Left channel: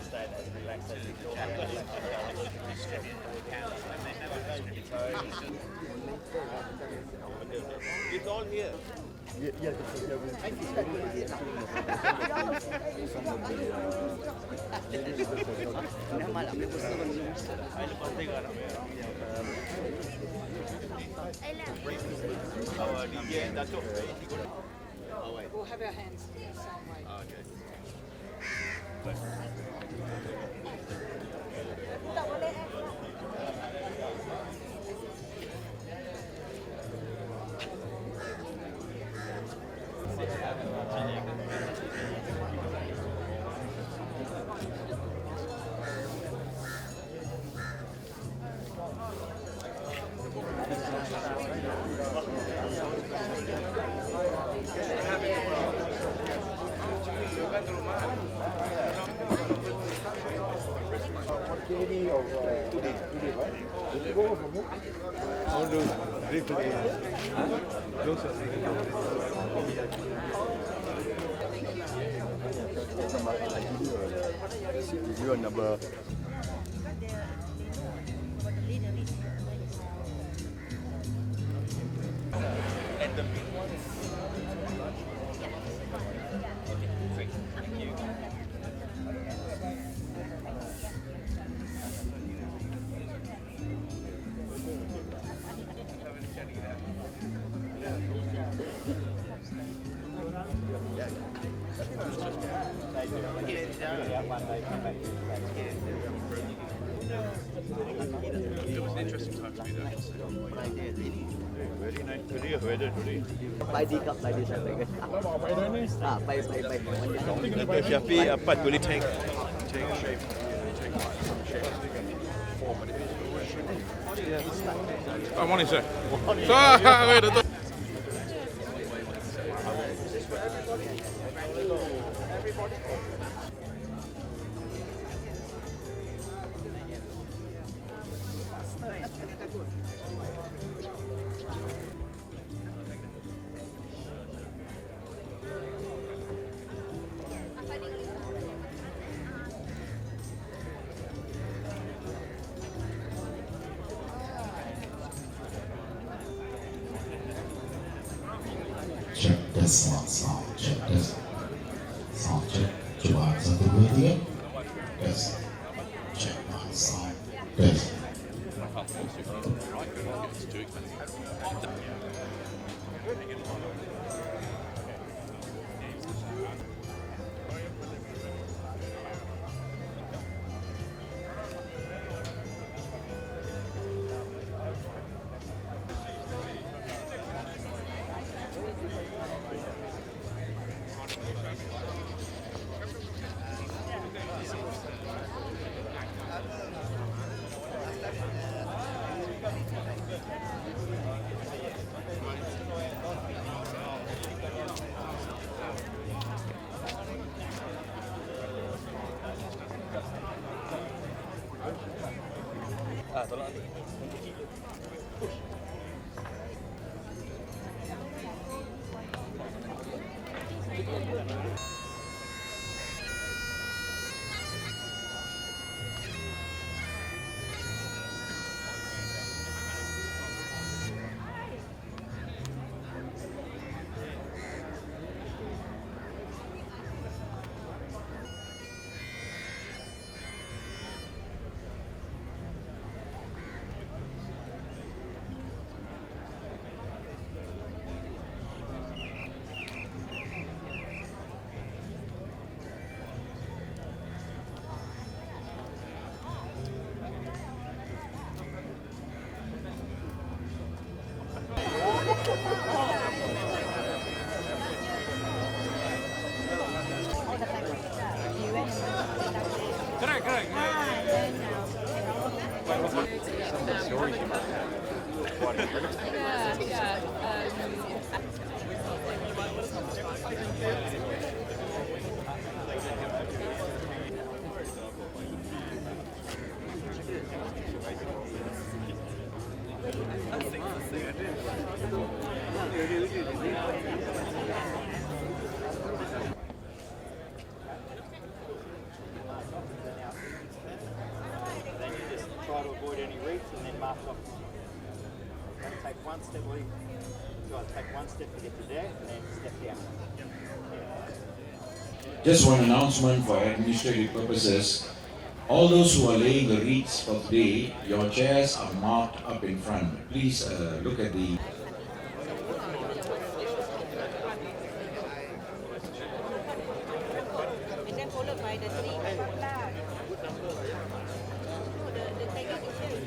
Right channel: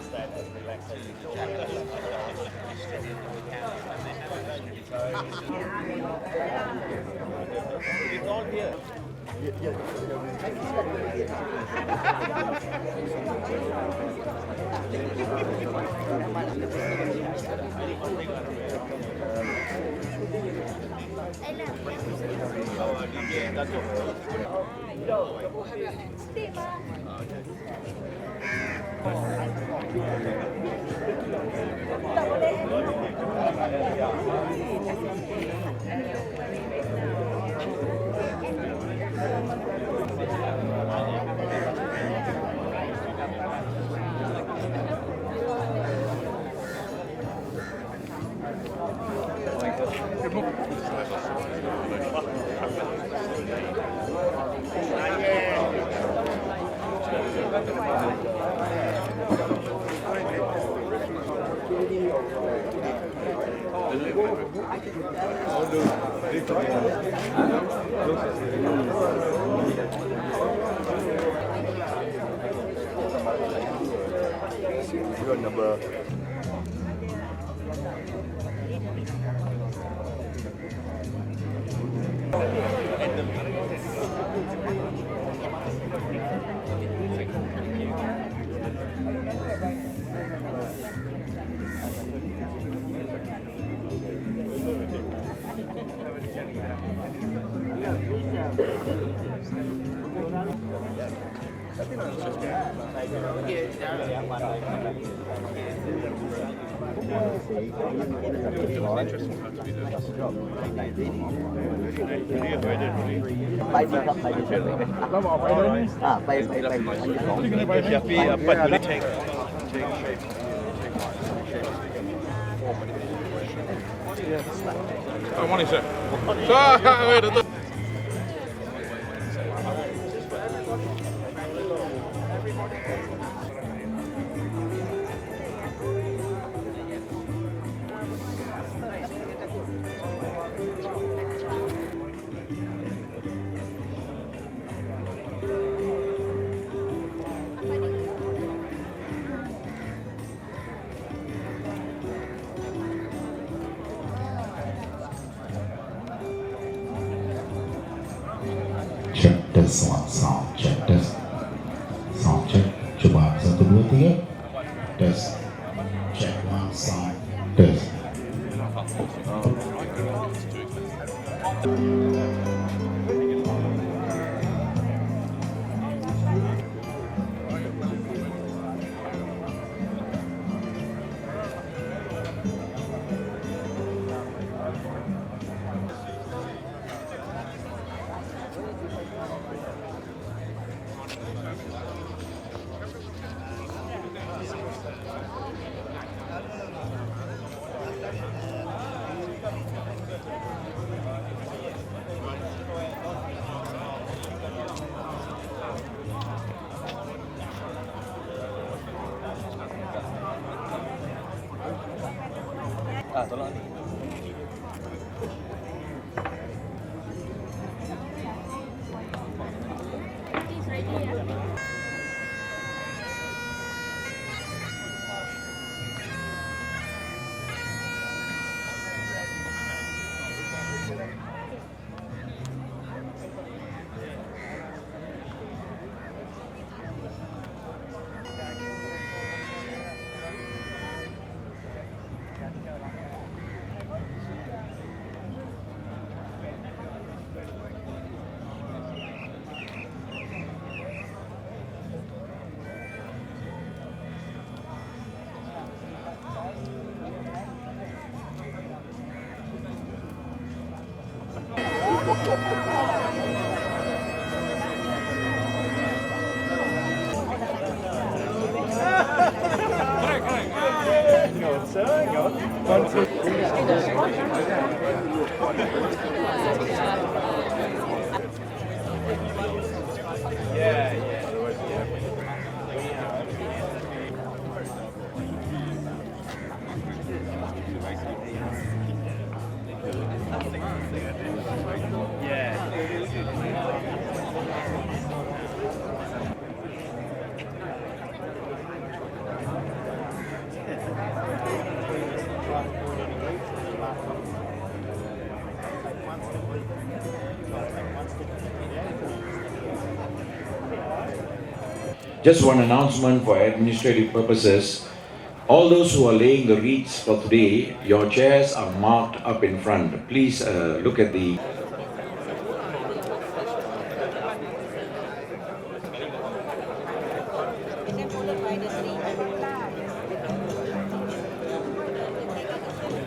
understand as relaxation. It's all here. Our DJ Datuk. We'll have our hands. Your number. Check this one, sound check this. Sound check. Coba satu dua tiga. Tes. Check now sound. Tes. Tolong. Just one announcement for administrative purposes. All those who are laying the wreaths for today, your chairs are marked up in front. Please look at the... And then followed by the tree. The decoration.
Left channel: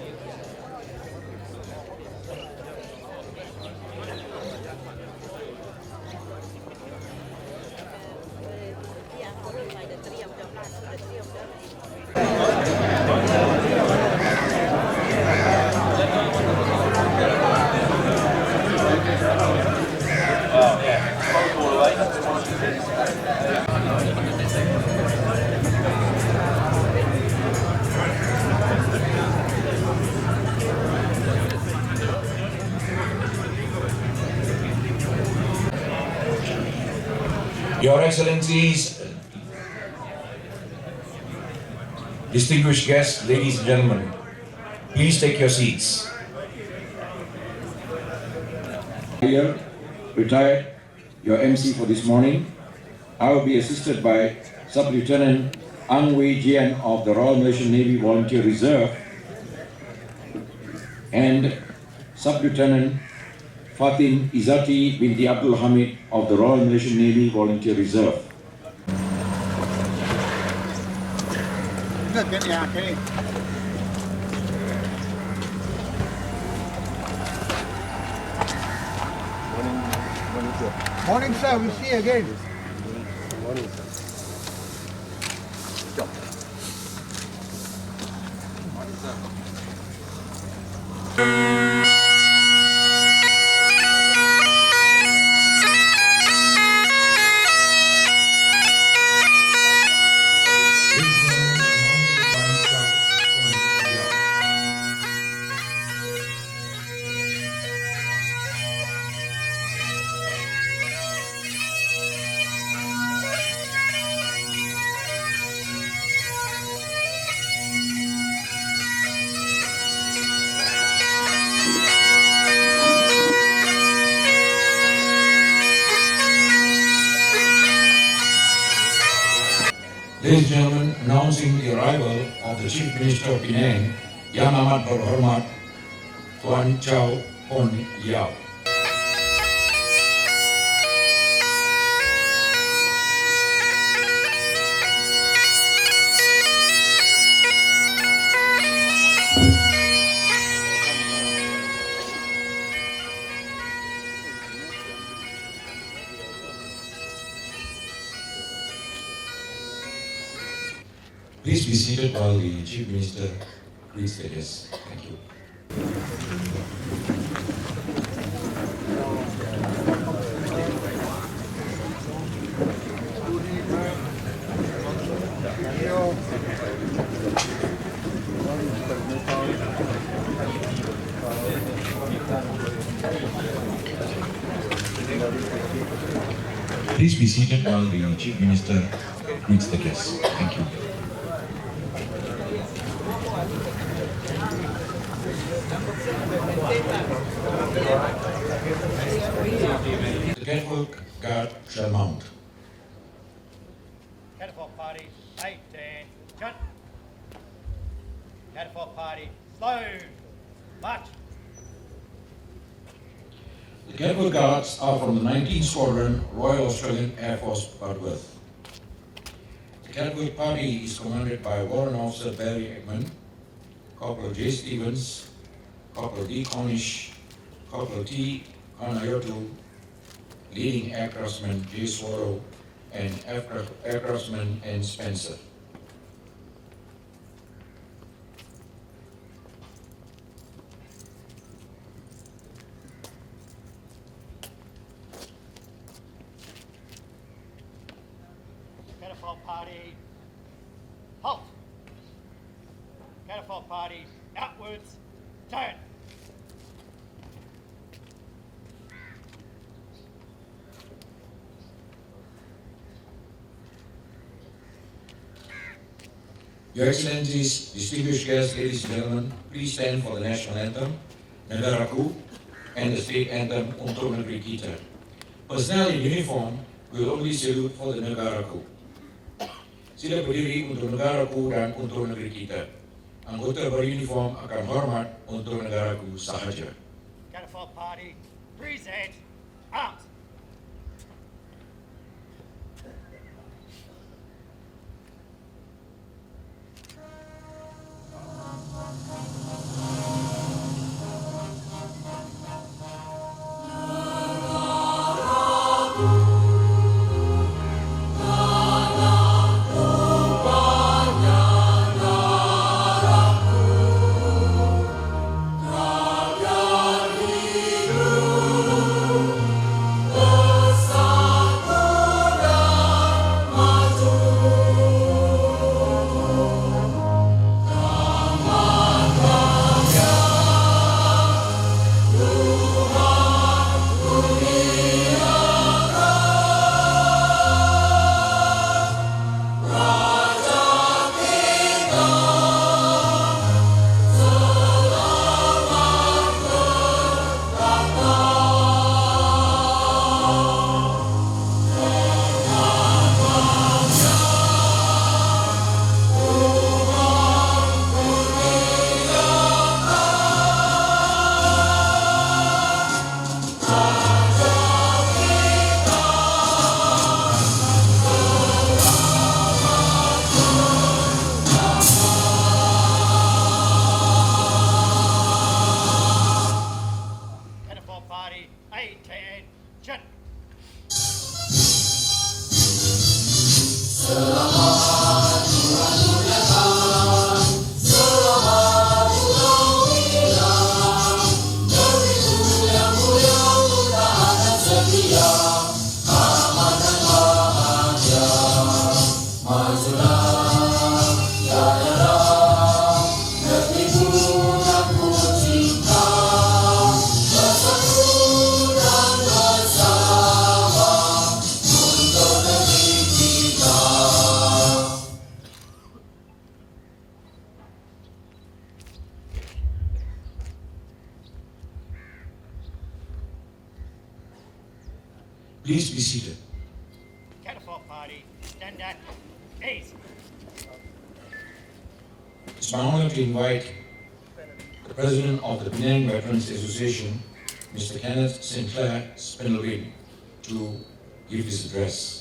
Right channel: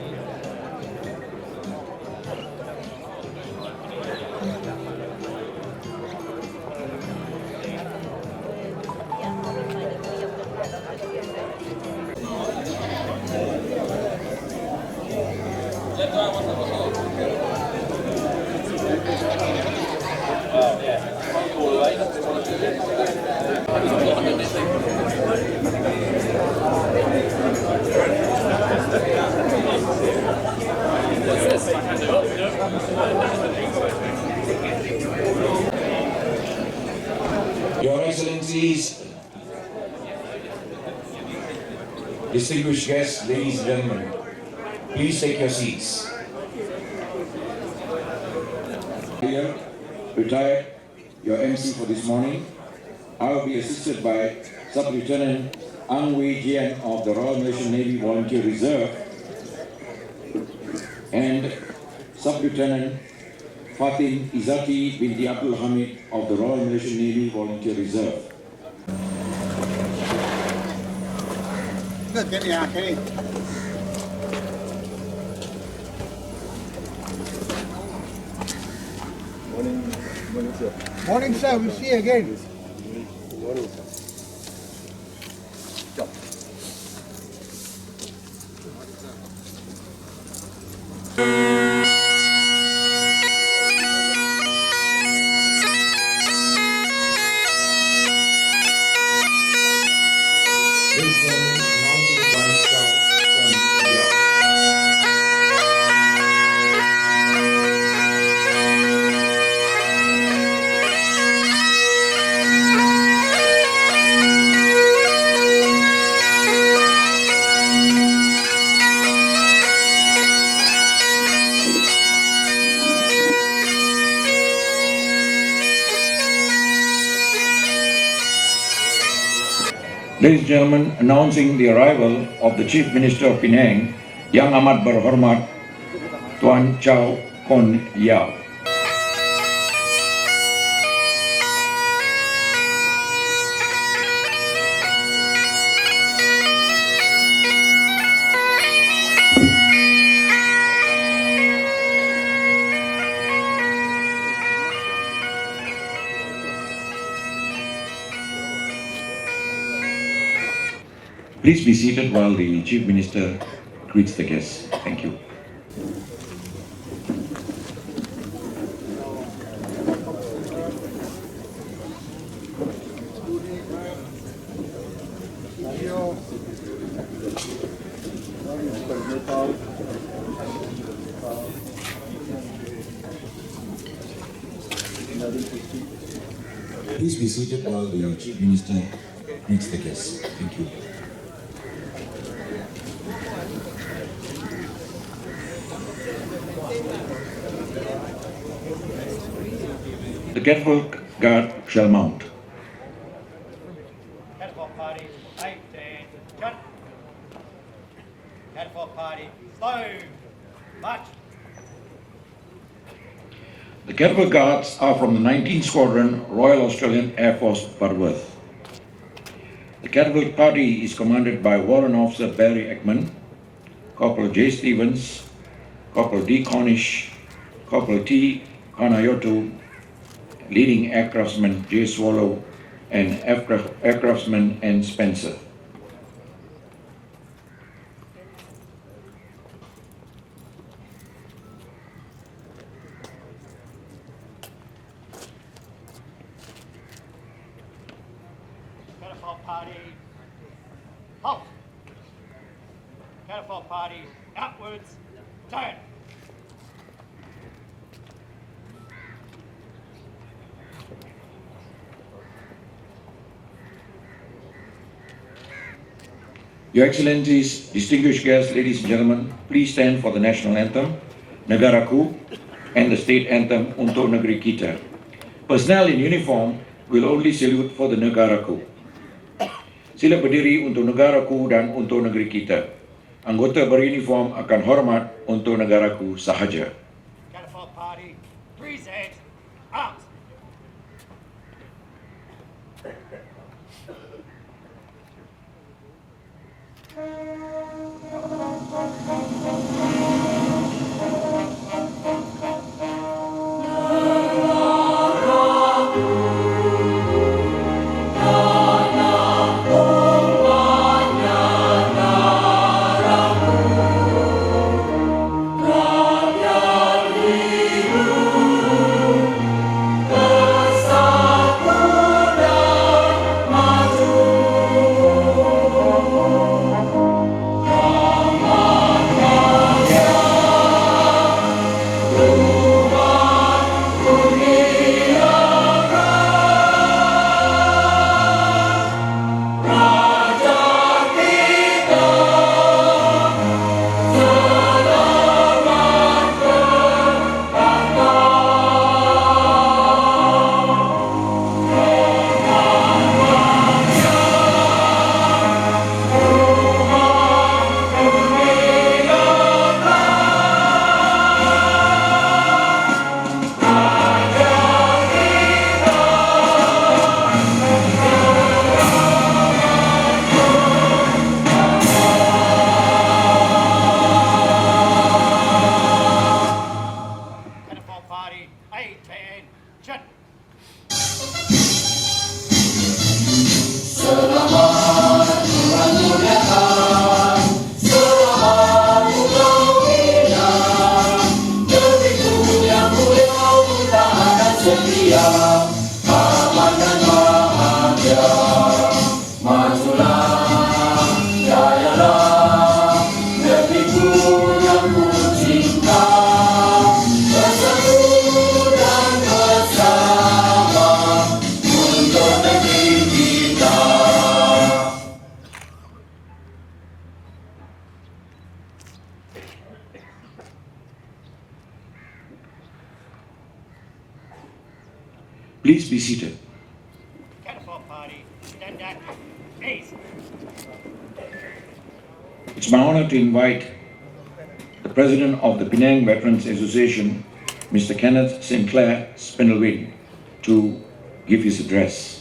Yeah, followed by the tree of the plants, the tree of the Your Excellencies, distinguished guests, ladies and gentlemen, please take your seats. Here, retired, your MC for this morning. I will be assisted by Sub-Lieutenant Ang Wei Jian of the Royal Malaysian Navy Volunteer Reserve and Sub-Lieutenant Fatin Izzati binti Abdul Hamid of the Royal Malaysian Navy Volunteer Reserve. Morning, sir. Morning, sir. We see you again. Morning, sir. Jump. Ladies and gentlemen, announcing the arrival of the Chief Minister of Penang, Yang Amat Berhormat Tuan Chow Kon Yao. Please be seated while the Chief Minister greets the guests. Thank you. Please be seated while the Chief Minister greets the guests. Thank you. The catwalk guard shall mount. Catapult party, 8 and cut. Catapult party, slow, march. The catapult guards are from the 19th Squadron, Royal Australian Air Force, Butterworth. The catapult party is commanded by Warrant Officer Barry Ekman, Corporal J. Stevens, Corporal D. Cornish, Corporal T. Kanayotu, leading aircraftsman J. Swallow, and aircraftsman N. Spencer. Catapult party, halt. Catapult party, outwards, turn. Your Excellencies, distinguished guests, ladies and gentlemen, please stand for the national anthem, Negaraku, and the state anthem Untuk Negeri Kita. Personnel in uniform will only salute for the negaraku. Sila berdiri untuk negaraku dan untuk negeri kita. Anggota beruniform akan hormat untuk negaraku sahaja. Cenotaph Party, present arms. Cenotaph Party, attention. Please be seated. Cenotaph Party, stand up, please. It's my honor to invite the President of the Penang Veterans Association, Mr. Kenneth Sinclair Spindlewind, to give his address.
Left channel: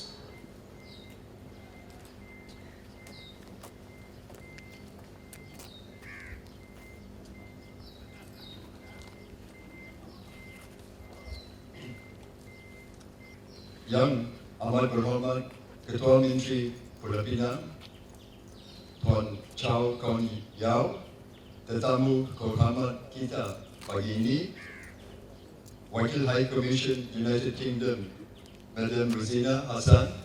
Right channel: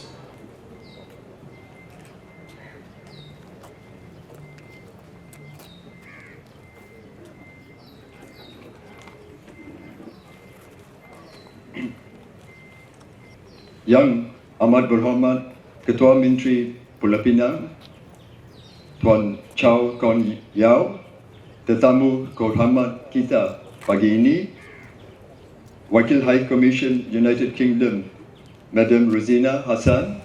Yang amat berhormat Ketua Menteri Pulau Pinang, Tuan Chow Kon Yao, tetamu kehormat kita pagi ini, Wakil High Commission United Kingdom, Madam Rosina Hassan,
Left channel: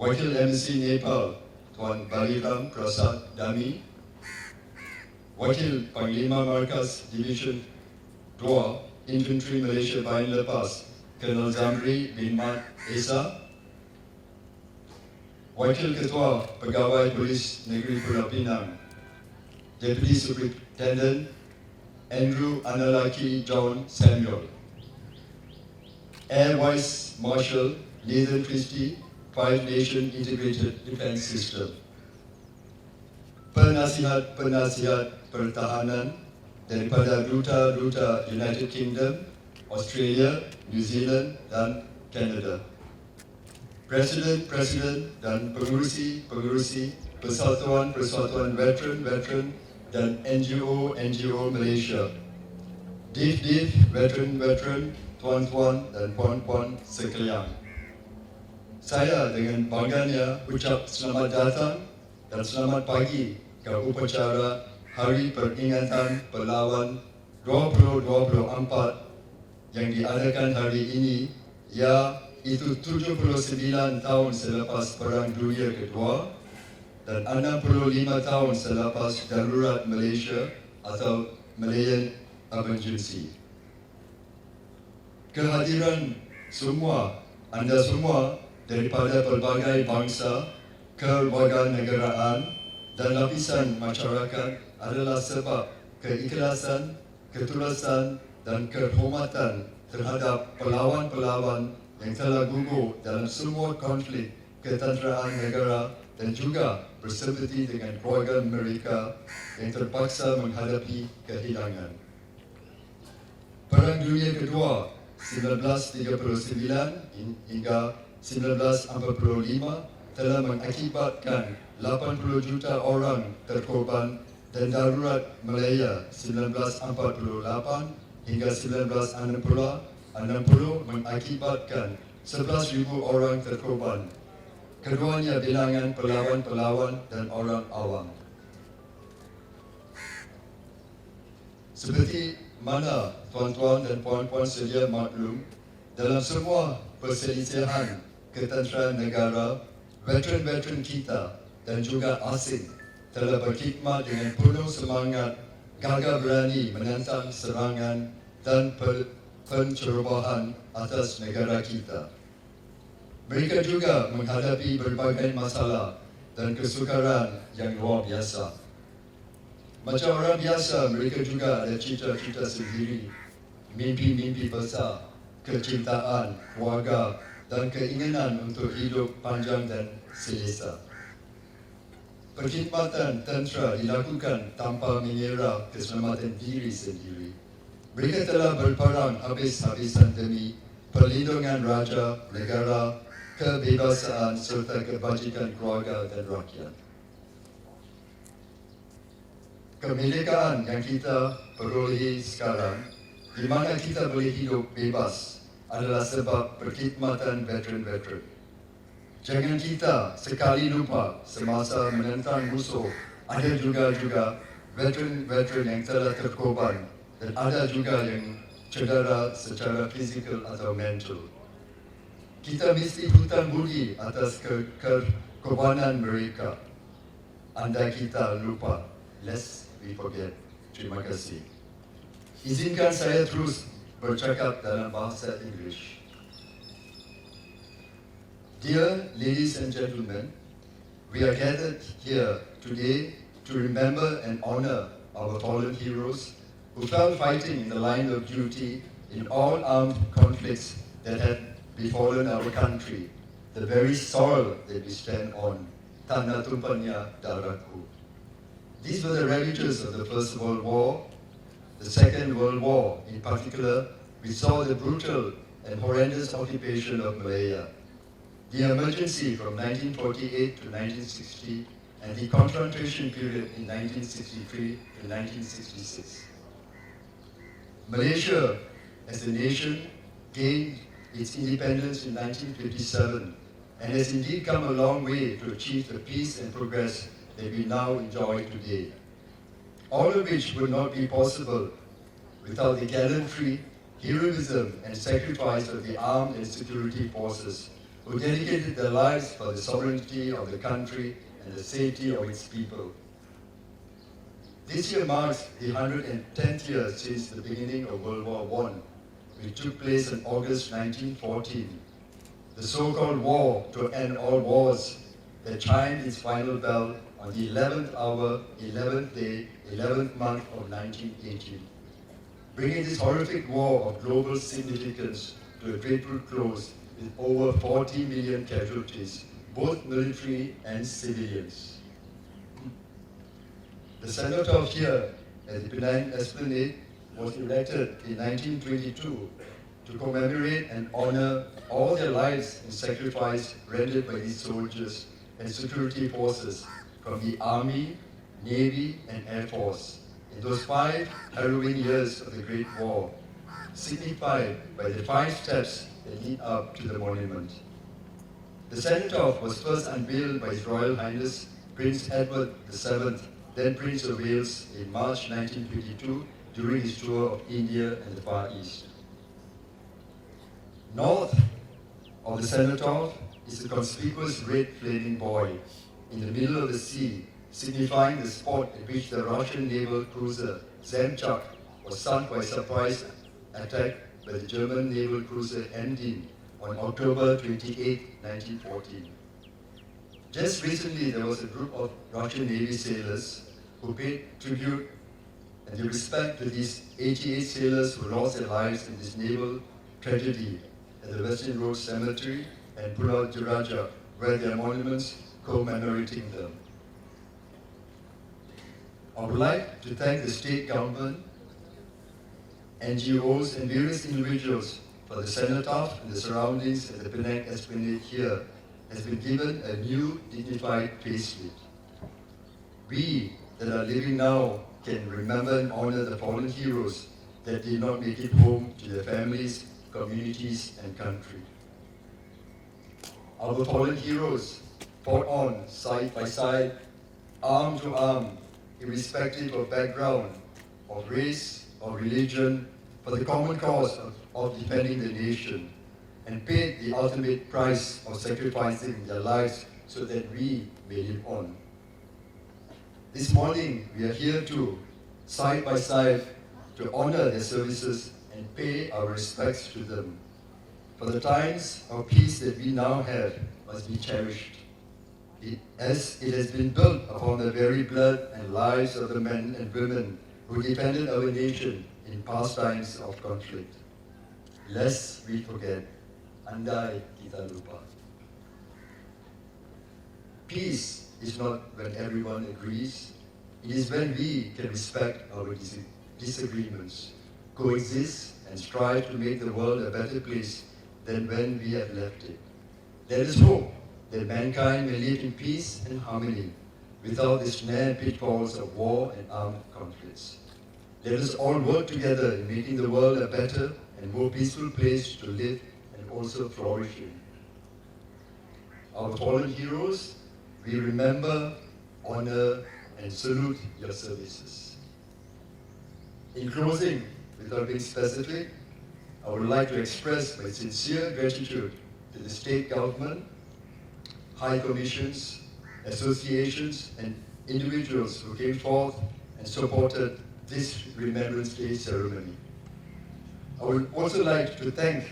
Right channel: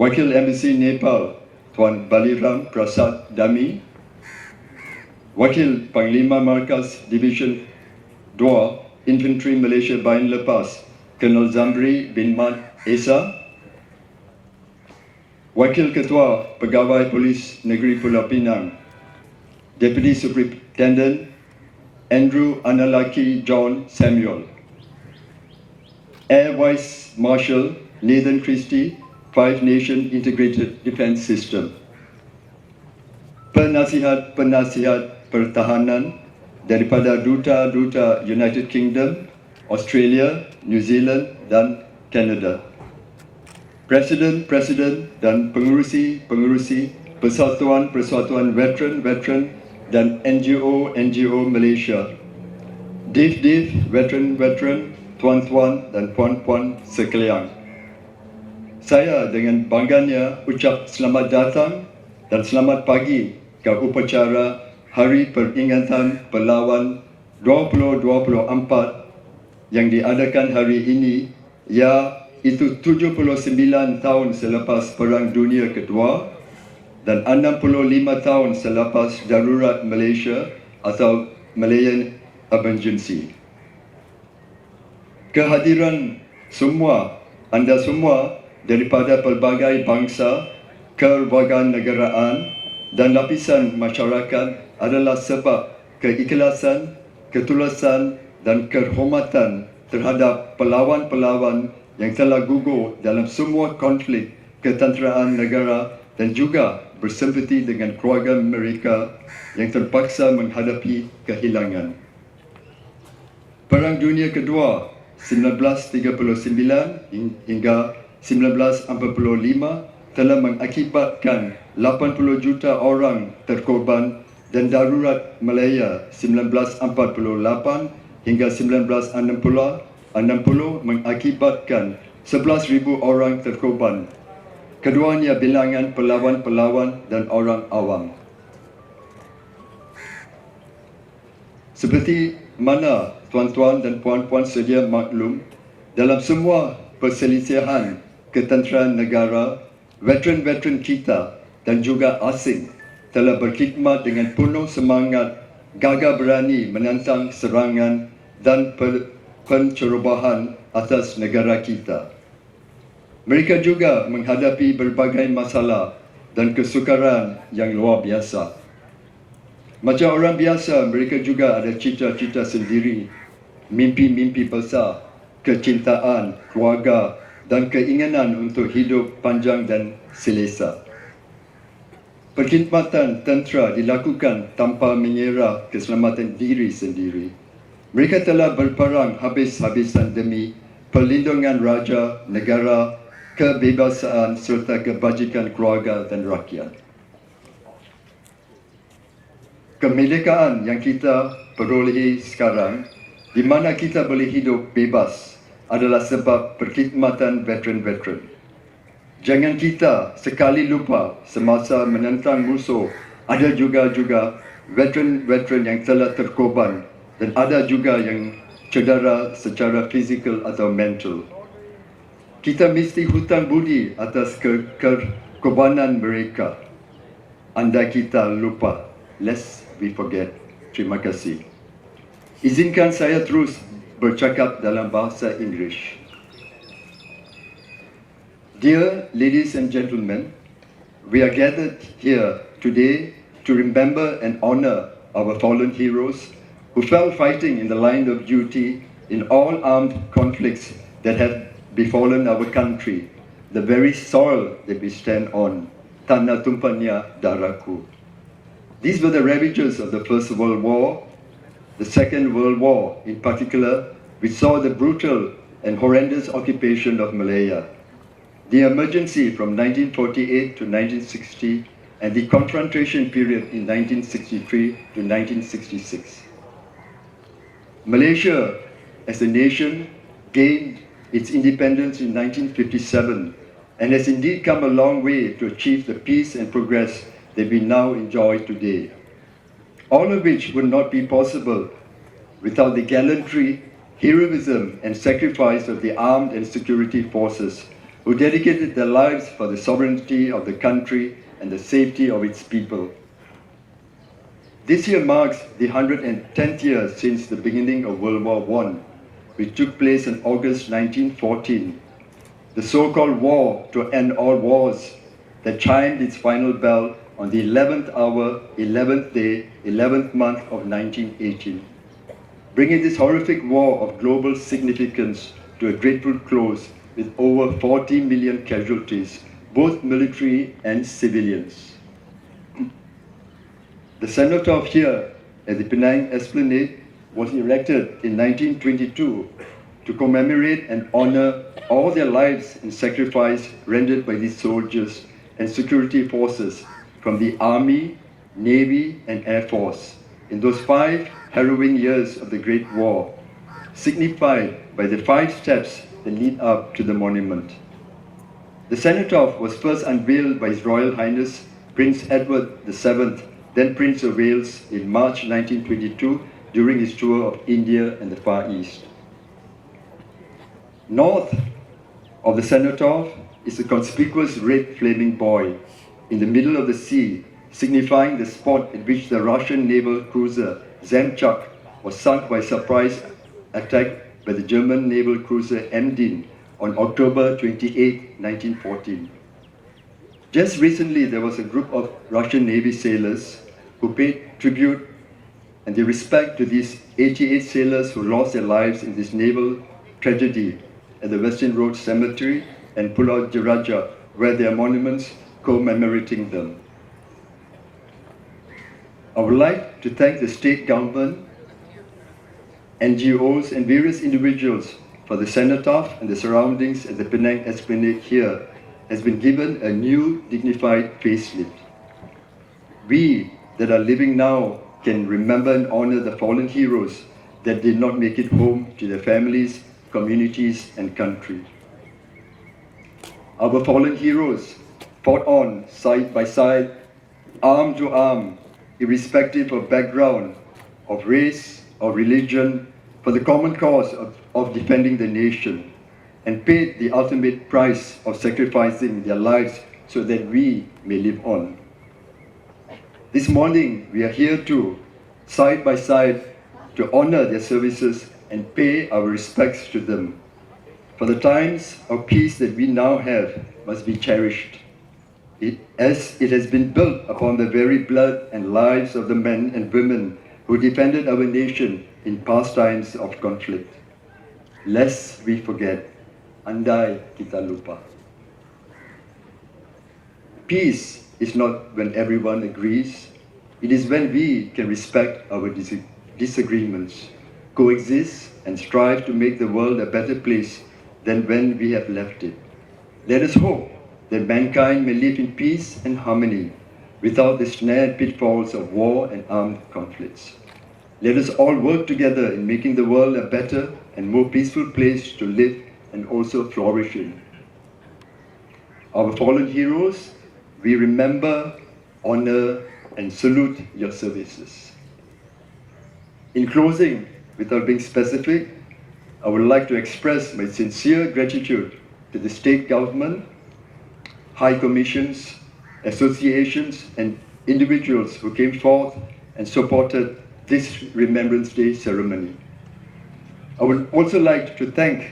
Wakil Embassy Nepal, Tuan Baliram Prasad Dami, Wakil Panglima Markas Division 2 Infantry Malaysia Bayan Lepas, Colonel Zamri bin Mat Esa, Wakil Ketua Pegawai Polis Negeri Pulau Pinang, Deputy Superintendent Andrew Analaki John Samuel, Air Vice Marshal Nathan Christie, Five Nation Integrated Defence System, penasihat-penasihat pertahanan daripada duta-duta United Kingdom, Australia, New Zealand dan Canada, Presiden dan pengurusi persatuan veteran dan NGO Malaysia, Div veteran, tuan-tuan dan puan-puan sekalian. Saya dengan bangganya ucap selamat datang dan selamat pagi ke upacara Hari Peringatan Pahlawan 2024 yang diadakan hari ini, iaitu 79 tahun selepas Perang Dunia Kedua dan 65 tahun selepas darurat Malaysia atau Malayan Emergency. Kehadiran anda semua daripada pelbagai bangsa, kewarganegaraan dan lapisan masyarakat adalah sebab keikhlasan, ketulusan dan kehormatan terhadap pelawan-pelawan yang telah gugur dalam semua konflik ketenteraan negara dan juga bersempati dengan keluarga mereka yang terpaksa menghadapi kehilangan. Perang Dunia Kedua 1939 hingga 1945 telah mengakibatkan 80 juta orang terkorban dan darurat Malaya 1948 hingga 1960 mengakibatkan 11,000 orang terkorban. Keduanya bilangan pelawan-pelawan dan orang awam. Seperti mana tuan-tuan dan puan-puan sedia maklum, dalam semua perselisihan ketenteraan negara, veteran-veteran kita dan juga asing telah berkhidmat dengan penuh semangat, gagah berani menentang serangan dan pencerobohan atas negara kita. Mereka juga menghadapi berbagai masalah dan kesukaran yang luar biasa. Macam orang biasa, mereka juga ada cita-cita sendiri, mimpi-mimpi besar, kecintaan, keluarga dan keinginan untuk hidup panjang dan selesa. Perkhidmatan tentera dilakukan tanpa mengira keselamatan diri sendiri. Mereka telah berperang habis-habisan demi perlindungan raja, negara, kebebasan serta kebajikan keluarga dan rakyat. Kemerdekaan yang kita perolehi sekarang, di mana kita boleh hidup bebas, adalah sebab perkhidmatan veteran-veteran. Jangan kita sekali lupa semasa menentang musuh, ada juga veteran-veteran yang telah terkorban dan ada juga yang cedera secara fizikal atau mental. Kita mesti hutang budi atas kekorbanan mereka. Andai kita lupa, lest we forget. Terima kasih. Izinkan saya terus bercakap dalam bahasa Inggeris. Dear ladies and gentlemen, we are gathered here today to remember and honor our fallen heroes who fell fighting in the line of duty in all armed conflicts that have befallen our country, the very soil that we stand on, tanah tumpahnya darahku. These were the ravages of the First World War, the Second World War in particular, which saw the brutal and horrendous occupation of Malaya, the emergency from 1948 to 1960, and the confrontation period in 1963 to 1966. Malaysia, as a nation, gained its independence in 1957 and has indeed come a long way to achieve the peace and progress that we now enjoy today. All of which would not be possible without the gallantry, heroism and sacrifice of the armed and security forces who dedicated their lives for the sovereignty of the country and the safety of its people. This year marks the 110th year since the beginning of World War I, which took place in August 1914, the so-called war to end all wars that chimed its final bell on the 11th hour, 11th day, 11th month of 1918, bringing this horrific war of global significance to a grateful close with over 40 million casualties, both military and civilians. The cenotaph here at the Penang Esplanade was erected in 1922 to commemorate and honor all their lives and sacrifice rendered by these soldiers and security forces from the Army, Navy and Air Force in those 5 harrowing years of the Great War, signified by the 5 steps that lead up to the monument. The cenotaph was first unveiled by His Royal Highness Prince Edward VII, then Prince of Wales, in March 1922 during his tour of India and the Far East. North of the cenotaph is a conspicuous red flaming buoy in the middle of the sea, signifying the spot at which the Russian naval cruiser Zemchak was sunk by surprise attack by the German naval cruiser Emden on October 28, 1914. Just recently, there was a group of Russian Navy sailors who paid tribute and their respect to these 88 sailors who lost their lives in this naval tragedy at the Western Road Cemetery and Pulau Jeraja, where there are monuments commemorating them. I would like to thank the state government, NGOs, and various individuals for the cenotaph and the surroundings at the Penang Esplanade here has been given a new dignified facelift. We that are living now can remember and honor the fallen heroes that did not make it home to their families, communities, and country. Our fallen heroes fought on side by side, arm to arm, irrespective of background, of race, or religion, for the common cause of defending the nation, and paid the ultimate price of sacrificing their lives so that we may live on. This morning, we are here to, side by side, to honor their services and pay our respects to them. For the times of peace that we now have must be cherished, as it has been built upon the very blood and lives of the men and women who defended our nation in past times of conflict. Lest we forget, andai kita lupa. Peace is not when everyone agrees. It is when we can respect our disagreements, coexist, and strive to make the world a better place than when we have left it. Let us hope that mankind may live in peace and harmony without the snare and pitfalls of war and armed conflicts. Let us all work together in making the world a better and more peaceful place to live and also flourish in. Our fallen heroes, we remember, honor, and salute your services. In closing, without being specific, I would like to express my sincere gratitude to the state government, high commissions, associations, and individuals who came forth and supported this Remembrance Day ceremony. I would also like to thank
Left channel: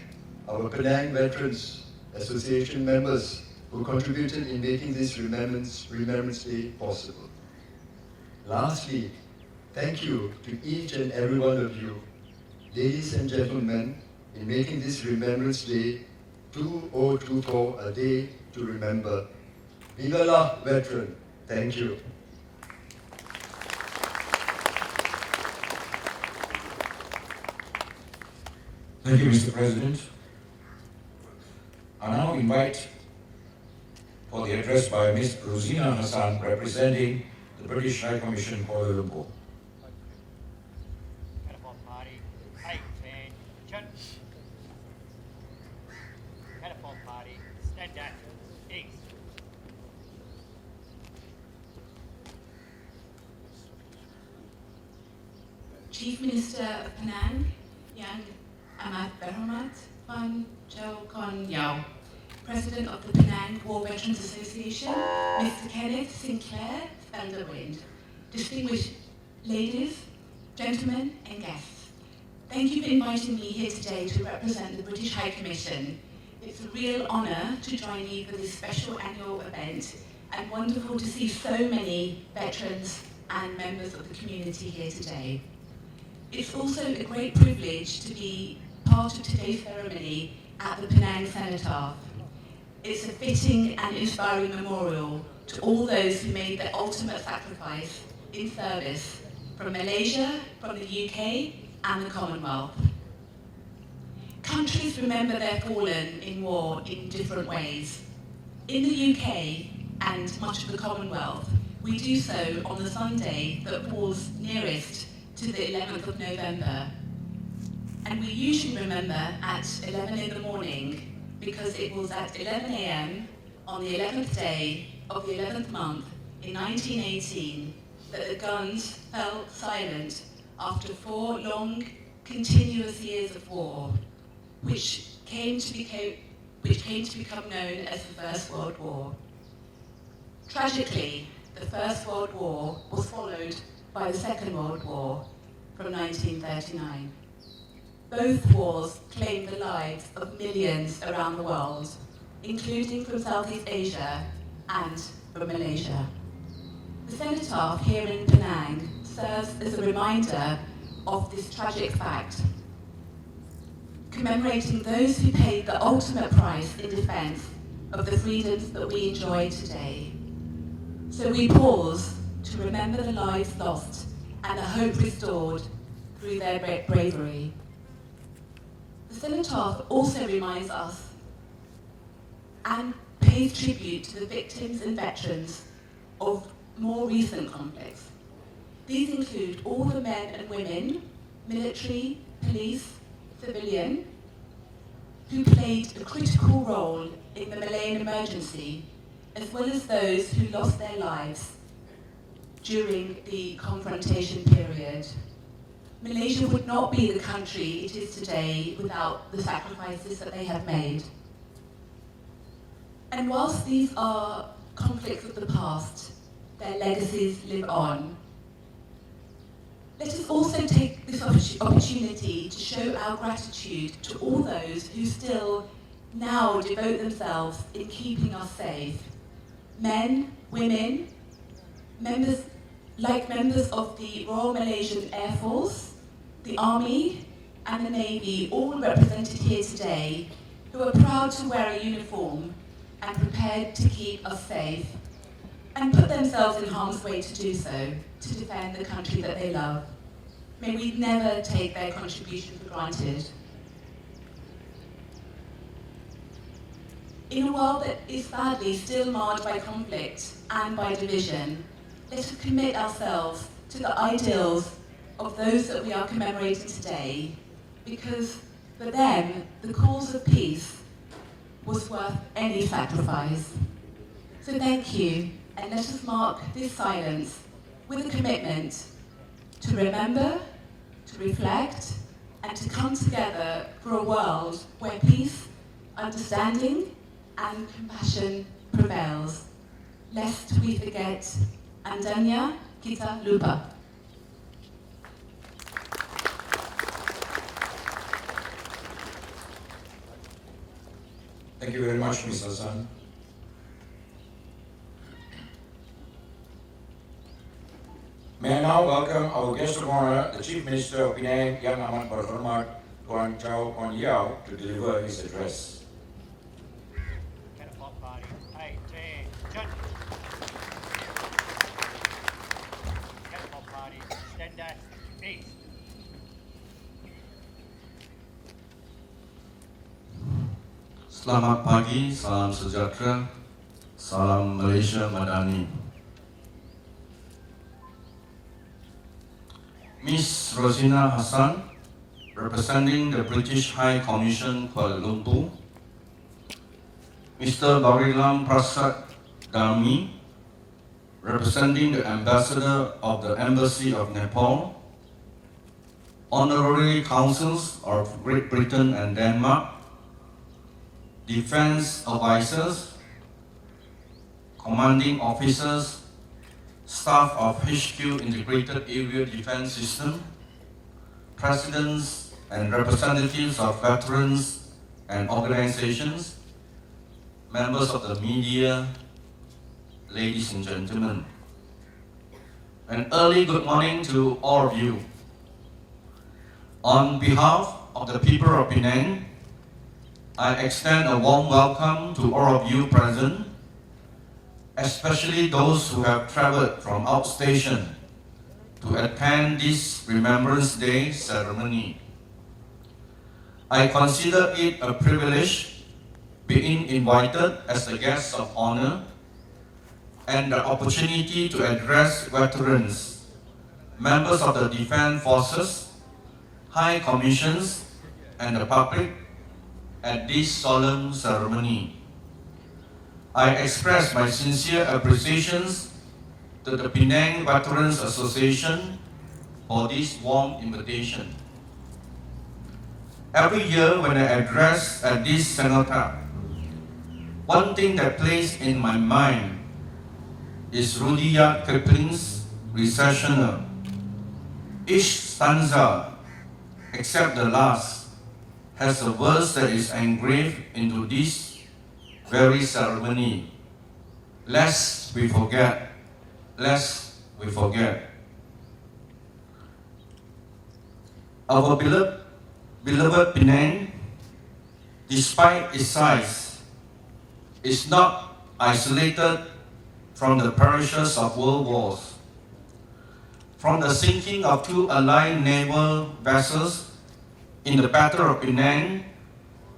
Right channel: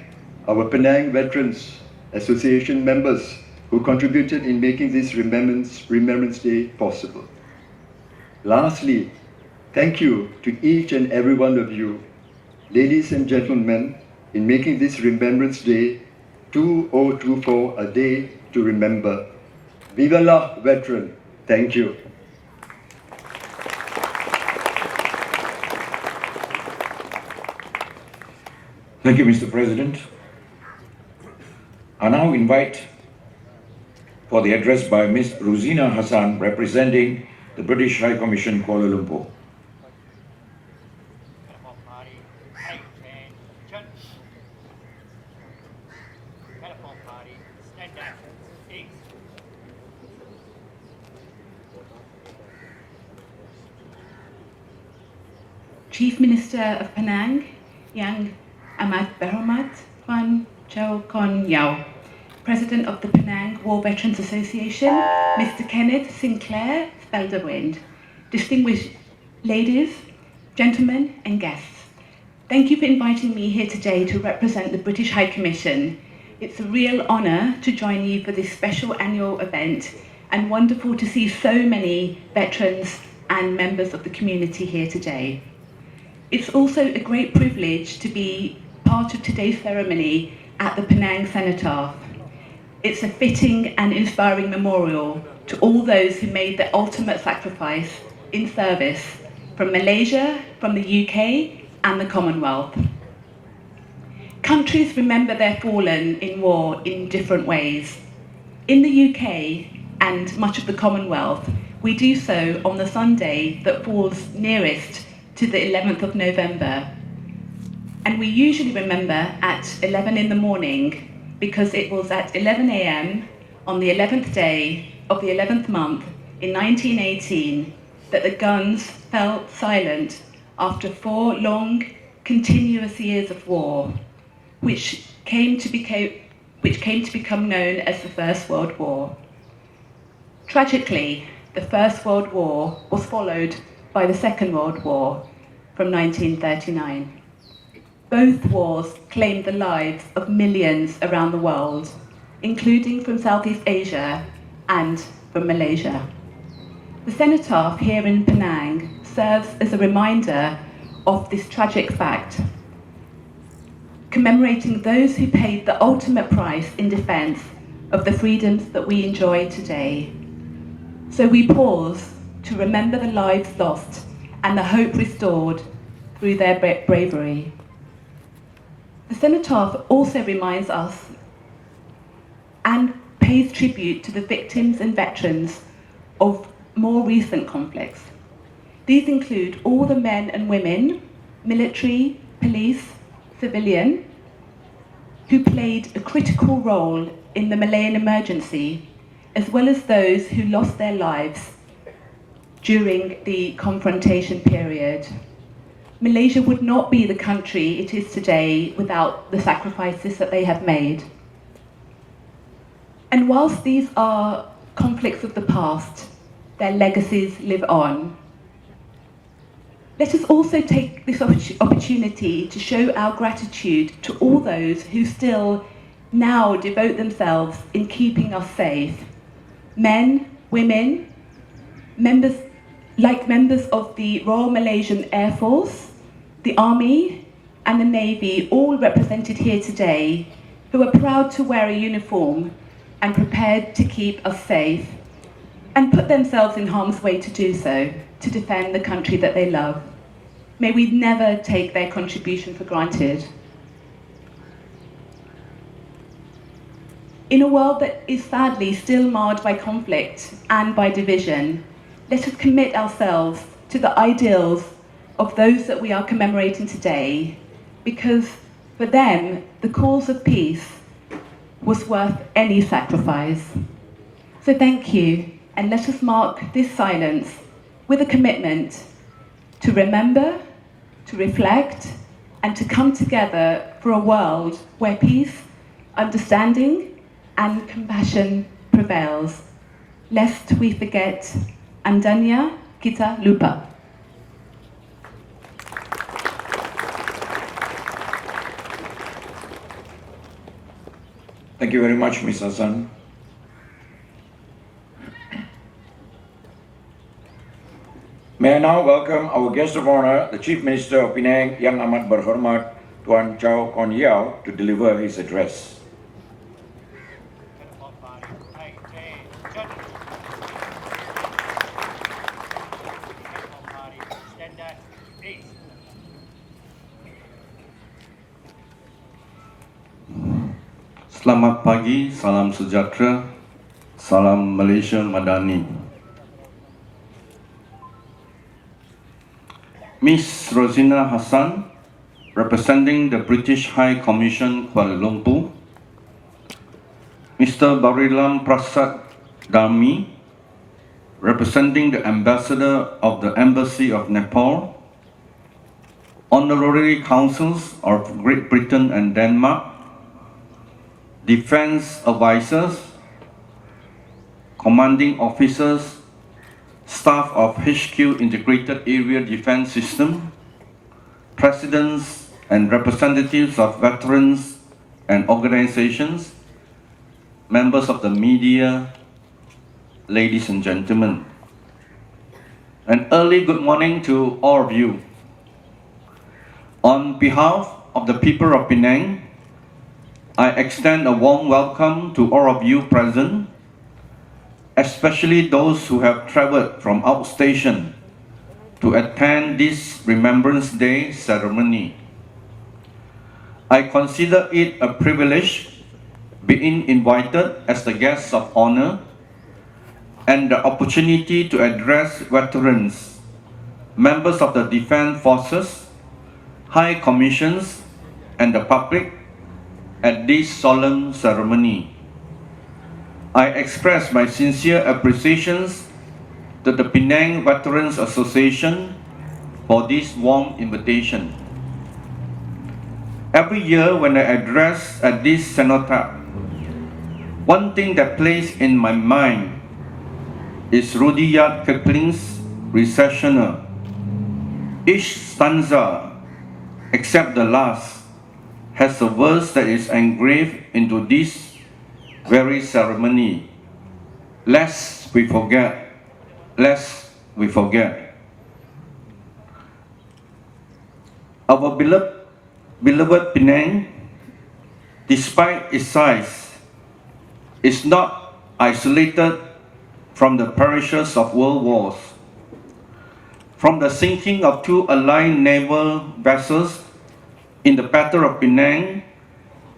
our Penang Veterans Association members who contributed in making this Remembrance Day possible. Lastly, thank you to each and every one of you, ladies and gentlemen, in making this Remembrance Day 2024 a day to remember. Viva la veteran! Thank you. Thank you, Mr. President. I now invite for the address by Ms. Rosina Hassan, representing the British High Commission, Kuala Lumpur. Cenotaph Party, 810, Jun. Cenotaph Party, stand down, east. Chief Minister of Penang, Yang Amat Berhormat Wan Chow Kon Yao, President of the Penang War Veterans Association, Mr. Kenneth Sinclair Spelderwind, distinguished ladies, gentlemen, and guests. Thank you for inviting me here today to represent the British High Commission. It's a real honour to join you for this special annual event, and wonderful to see so many veterans and members of the community here today. It's also a great privilege to be part of today's ceremony at the Penang Cenotaph. It's a fitting and inspiring memorial to all those who made the ultimate sacrifice in service from Malaysia, from the UK, and the Commonwealth. Countries remember their fallen in war in different ways. In the UK and much of the Commonwealth, we do so on the Sunday that falls nearest to the 11th of November. And we usually remember at 11 in the morning because it was at 11 a.m. on the 11th day of the 11th month in 1918 that the guns fell silent after 4 long, continuous years of war, which came to become known as the First World War. Tragically, the First World War was followed by the Second World War from 1939. Both wars claimed the lives of millions around the world, including from Southeast Asia and from Malaysia. The cenotaph here in Penang serves as a reminder of this tragic fact. commemorating those who paid the ultimate price in defence of the freedoms that we enjoy today. So we pause to remember the lives lost and the hope restored through their bravery. The Cenotaph also reminds us and pays tribute to the victims and veterans of more recent conflicts. These include all the men and women, military, police, civilian, who played a critical role in the Malayan emergency, as well as those who lost their lives during the confrontation period. Malaysia would not be the country it is today without the sacrifices that they have made. And whilst these are conflicts of the past, their legacies live on. Let us also take this opportunity to show our gratitude to all those who still now devote themselves in keeping us safe. Men, women, members of the Royal Malaysian Air Force, the Army and the Navy, all represented here today, who are proud to wear a uniform and prepared to keep us safe and put themselves in harm's way to do so, to defend the country that they love. May we never take their contribution for granted. In a world that is sadly still marred by conflict and by division, let us commit ourselves to the ideals of those that we are commemorating today, because for them, the cause of peace was worth any sacrifice. So thank you, and let us mark this silence with a commitment to remember, to reflect, and to come together for a world where peace, understanding, and compassion prevails. Lest we forget, andanya kita lupa. Thank you very much, Ms. Hassan. May I now welcome our guest of honor, the Chief Minister of Penang, Yang Amat Berhormat Tuan Chow Kon Yeow, to deliver his address. Cenotaph Party. Hey, Cenotaph Party. Stand 8. Selamat pagi, salam sejahtera, salam Malaysia Madani. Miss Rosina Hassan, representing the British High Commission Kuala Lumpur. Mr. Barilam Prasad Dami, representing the Ambassador of the Embassy of Nepal. Honorary Consuls of Great Britain and Denmark. Defense advisors, commanding officers, staff of HQ Integrated Area Defense System, presidents and representatives of veterans and organizations, members of the media, ladies and gentlemen. An early good morning to all of you. On behalf of the people of Penang, I extend a warm welcome to all of you present, especially those who have traveled from outstation to attend this Remembrance Day ceremony. I consider it a privilege being invited as the guest of honor and the opportunity to address veterans, members of the Defense Forces, High Commissions, and the public at this solemn ceremony. I express my sincere appreciations to the Penang Veterans Association for this warm invitation. Every year when I address at this cenotaph, one thing that plays in my mind is Rudyard Kipling's Recessional. Each stanza, except the last, has a verse that is engraved into this very ceremony. Lest we forget, lest we forget. Our beloved Penang despite its size, is not isolated from the perishes of world wars. From the sinking of two Allied naval vessels in the Battle of Penang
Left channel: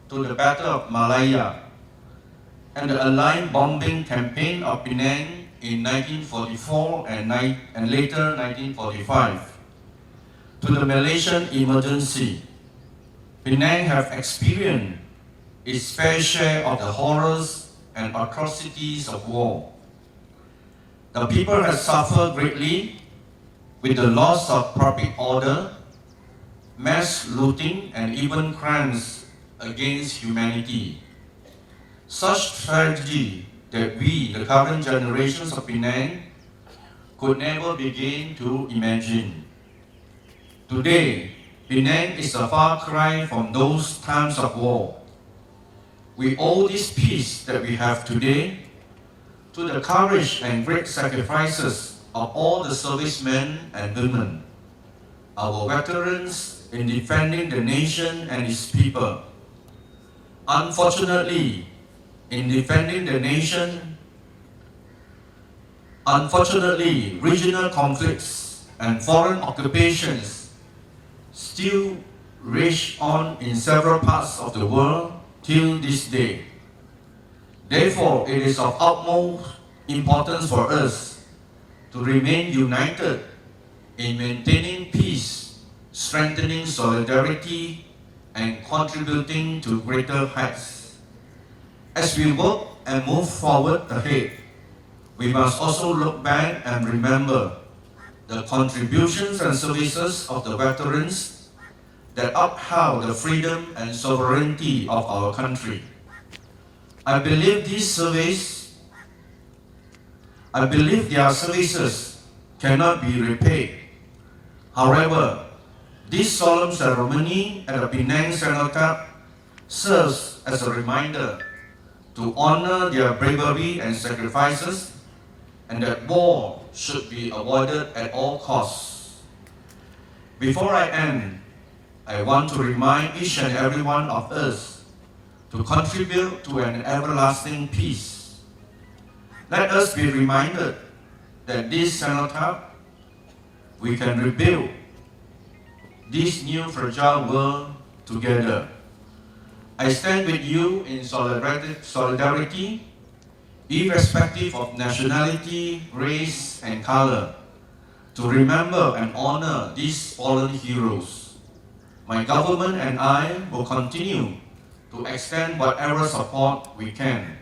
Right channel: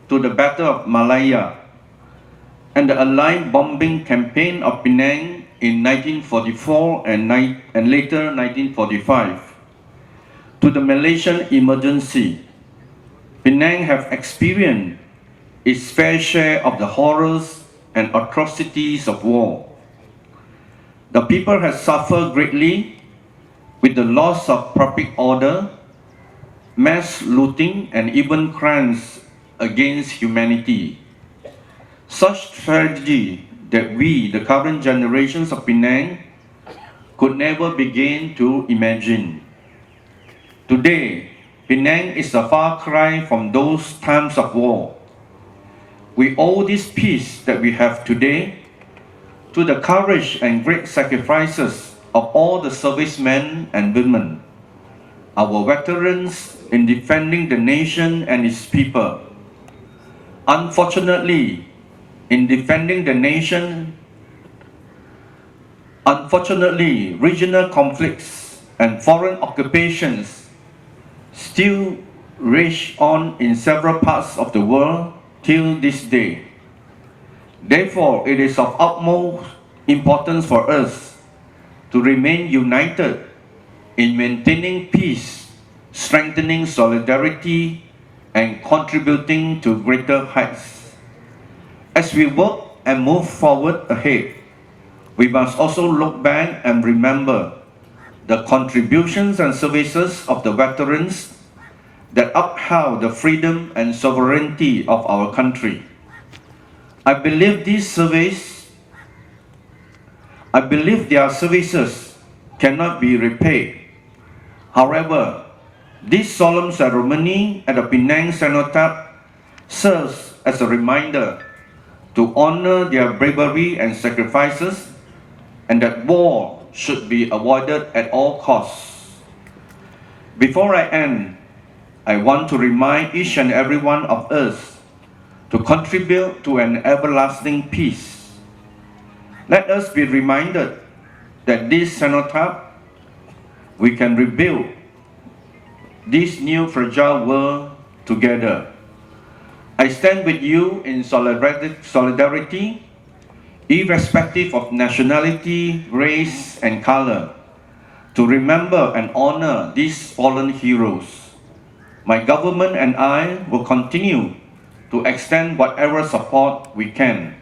to the Battle of Malaya and the Allied bombing campaign of Penang in 1944 and later 1945 to the Malaysian emergency, Penang have experienced its fair share of the horrors and atrocities of war. The people have suffered greatly with the loss of public order, mass looting, and even crimes against humanity. Such tragedy that we, the current generations of Penang, could never begin to imagine. Today, Penang is a far cry from those times of war. We owe this peace that we have today to the courage and great sacrifices of all the servicemen and women, our veterans in defending the nation and its people. Unfortunately, regional conflicts and foreign occupations still rage on in several parts of the world till this day. Therefore, it is of utmost importance for us to remain united in maintaining peace, strengthening solidarity, and contributing to greater heights. As we work and move forward ahead, we must also look back and remember the contributions and services of the veterans that upheld the freedom and sovereignty of our country. I believe their services cannot be repaid. However, this solemn ceremony at the Penang Cenotaph serves as a reminder to honor their bravery and sacrifices, and that war should be avoided at all costs. Before I end, I want to remind each and every one of us to contribute to an everlasting peace. Let us be reminded that this cenotaph, we can rebuild this new fragile world together. I stand with you in solidarity, irrespective of nationality, race, and color, to remember and honor these fallen heroes. My government and I will continue to extend whatever support we can.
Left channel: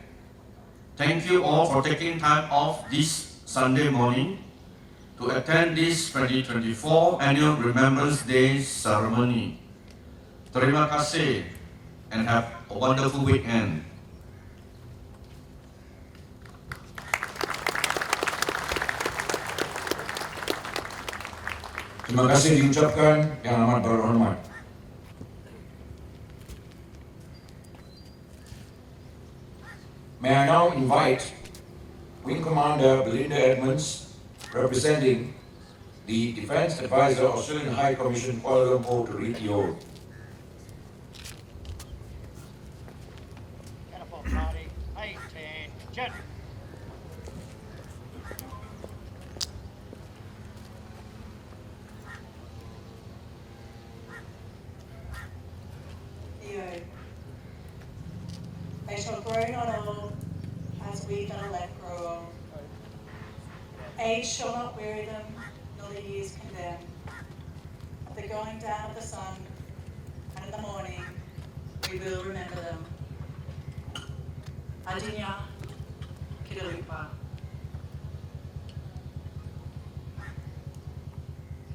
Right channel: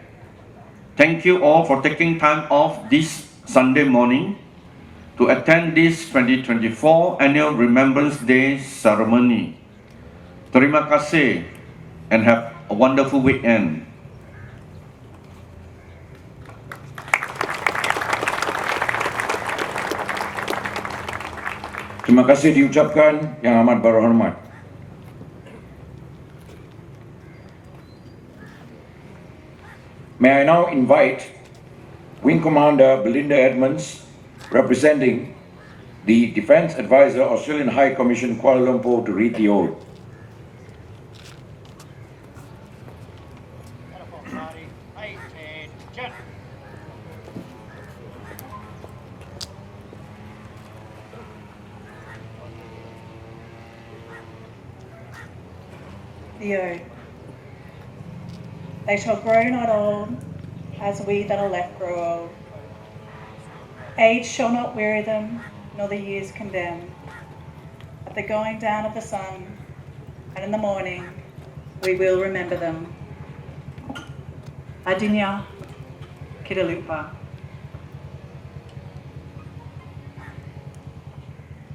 Thank you all for taking time off this Sunday morning to attend this 2024 Annual Remembrance Day ceremony. Terima kasih and have a wonderful weekend. Terima kasih diucapkan yang amat berhormat. May I now invite Wing Commander Belinda Edmonds, representing the Defence Advisor, Australian High Commission, Kuala Lumpur, to read the oath. Uniform party, attention. The oath. They shall grow not old, as we that are left grow old. Age shall not weary them, nor the years condemn. At the going down of the sun, and in the morning, we will remember them. Adinya, Kitalupa.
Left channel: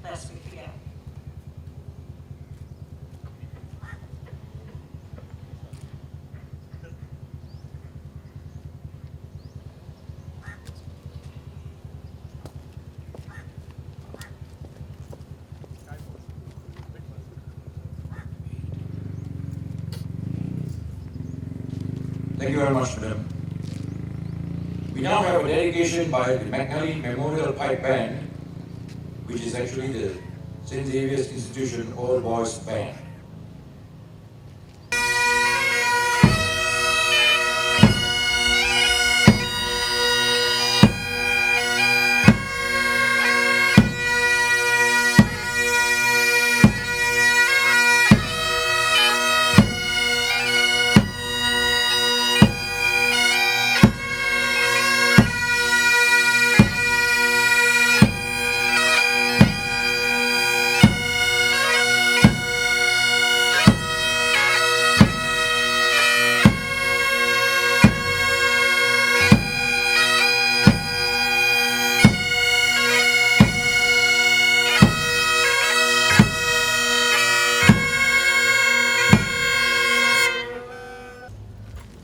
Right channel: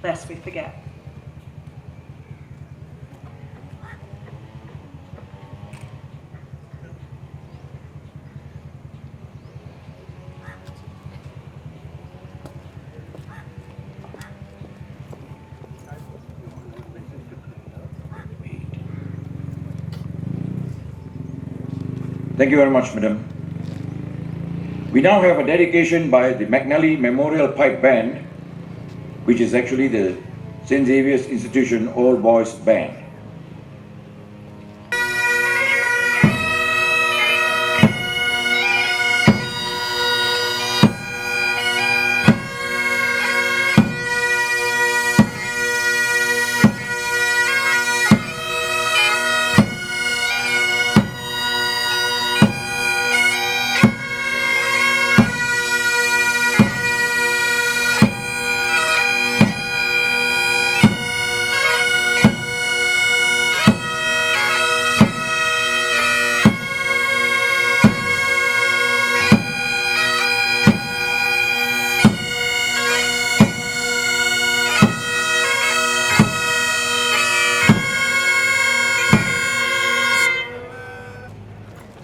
Lest we forget. Thank you very much, Madam. We now have a dedication by the McNally Memorial Pipe Band, which is actually the St. Xavier's Institution All Boys Band.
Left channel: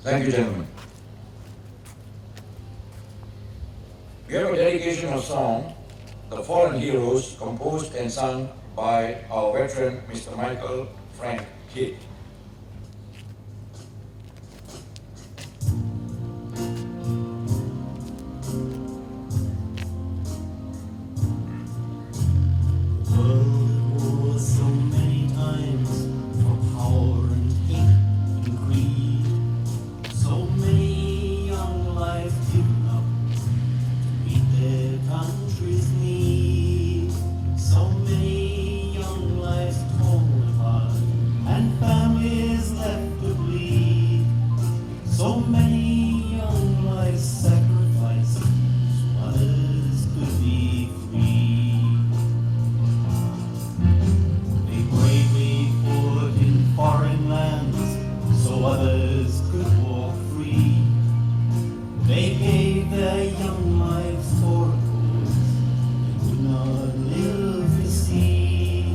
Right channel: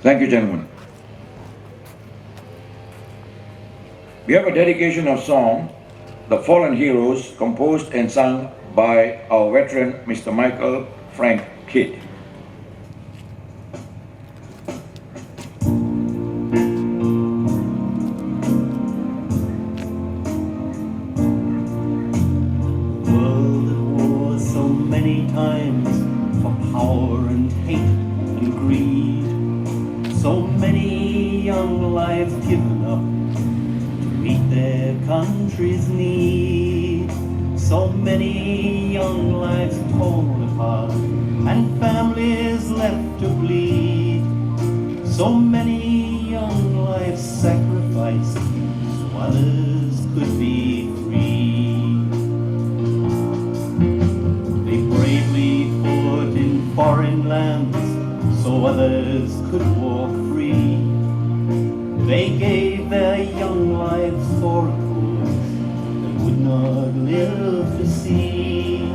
Thank you, gentlemen. We have a dedication of song, The Fallen Heroes, composed and sung by our veteran, Mr. Michael Frank Kidd. World at war so many times for power and hate and greed. So many young lives given up to meet their country's need. So many young lives torn apart and families left to bleed. So many young lives sacrificed so others could be free. They bravely fought in foreign lands so others could walk free. They gave their young lives for a cause they would not live to see.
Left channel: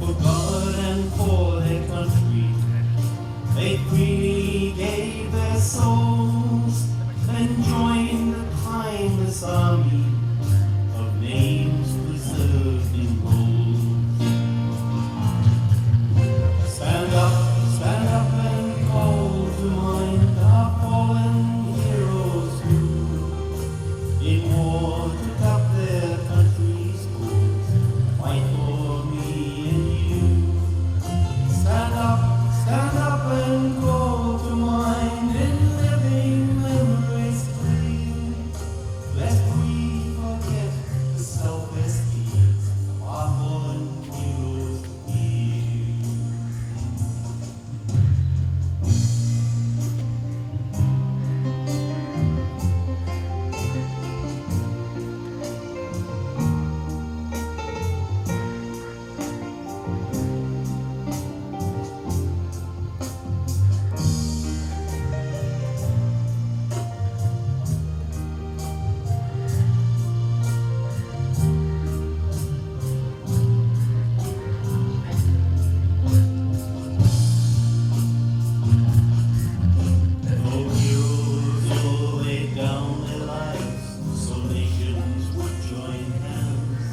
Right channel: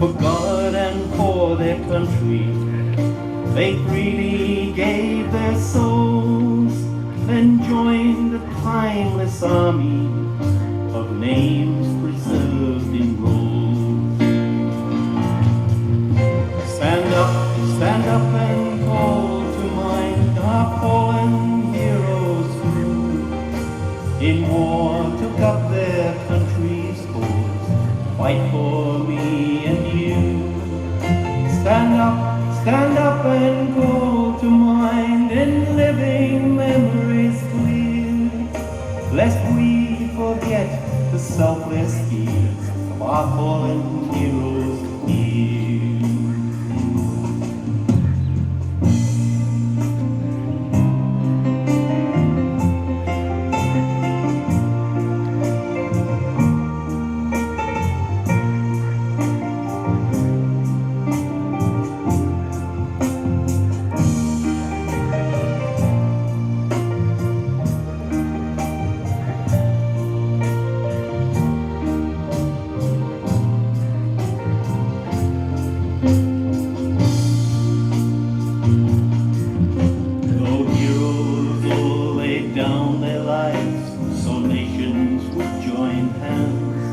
For God and for their country, they freely gave their souls, then joined the timeless army of names preserved in rolls. Stand up and call to mind our fallen heroes who in war took up their country's cause, fight for me and you. Stand up and call to mind in living memories clear, lest we forget the selfless deeds of our fallen heroes here. Though heroes all laid down their lives, so nations would join hands.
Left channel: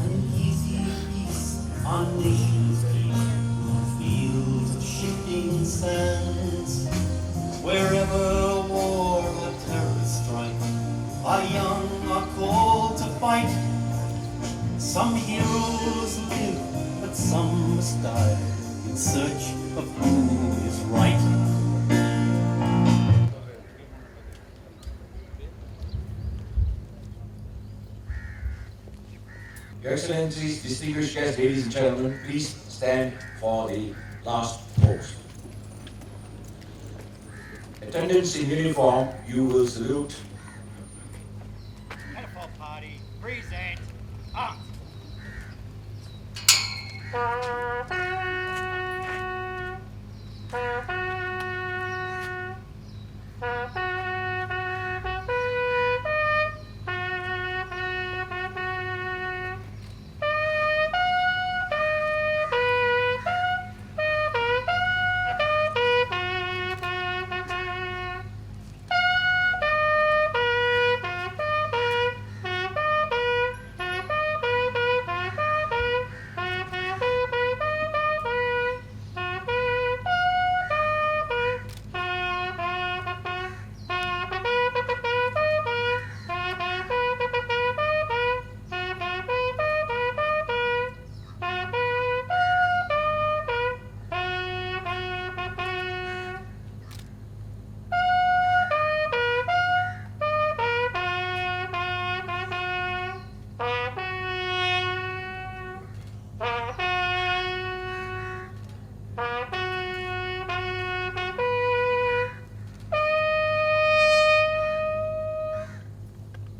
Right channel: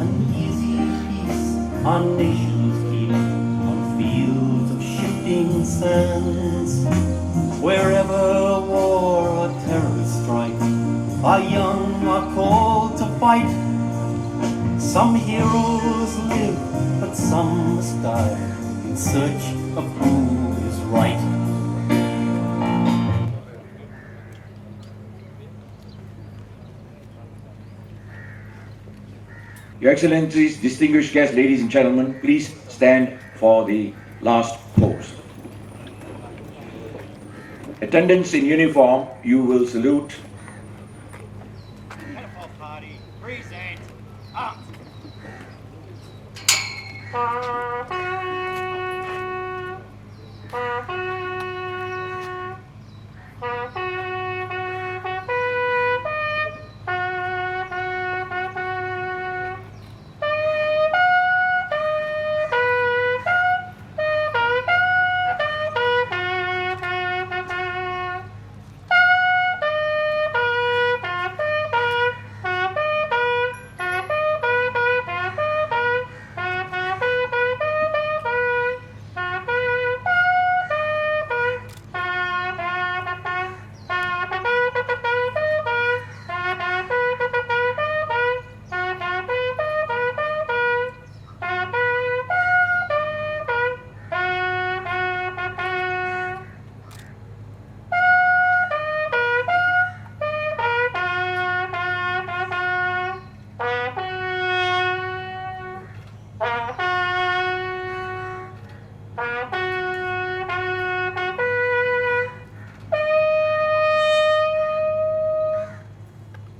Uneasy peace our nations keep on fields of shifting sands. Wherever war or terror strike, our young are called to fight. Some heroes live, but some must die in search of who is right. Your Excellencies, distinguished guests, ladies and gentlemen, please stand for the last pose. Attendants in uniform, you will salute. Cenotaph Party, present arms.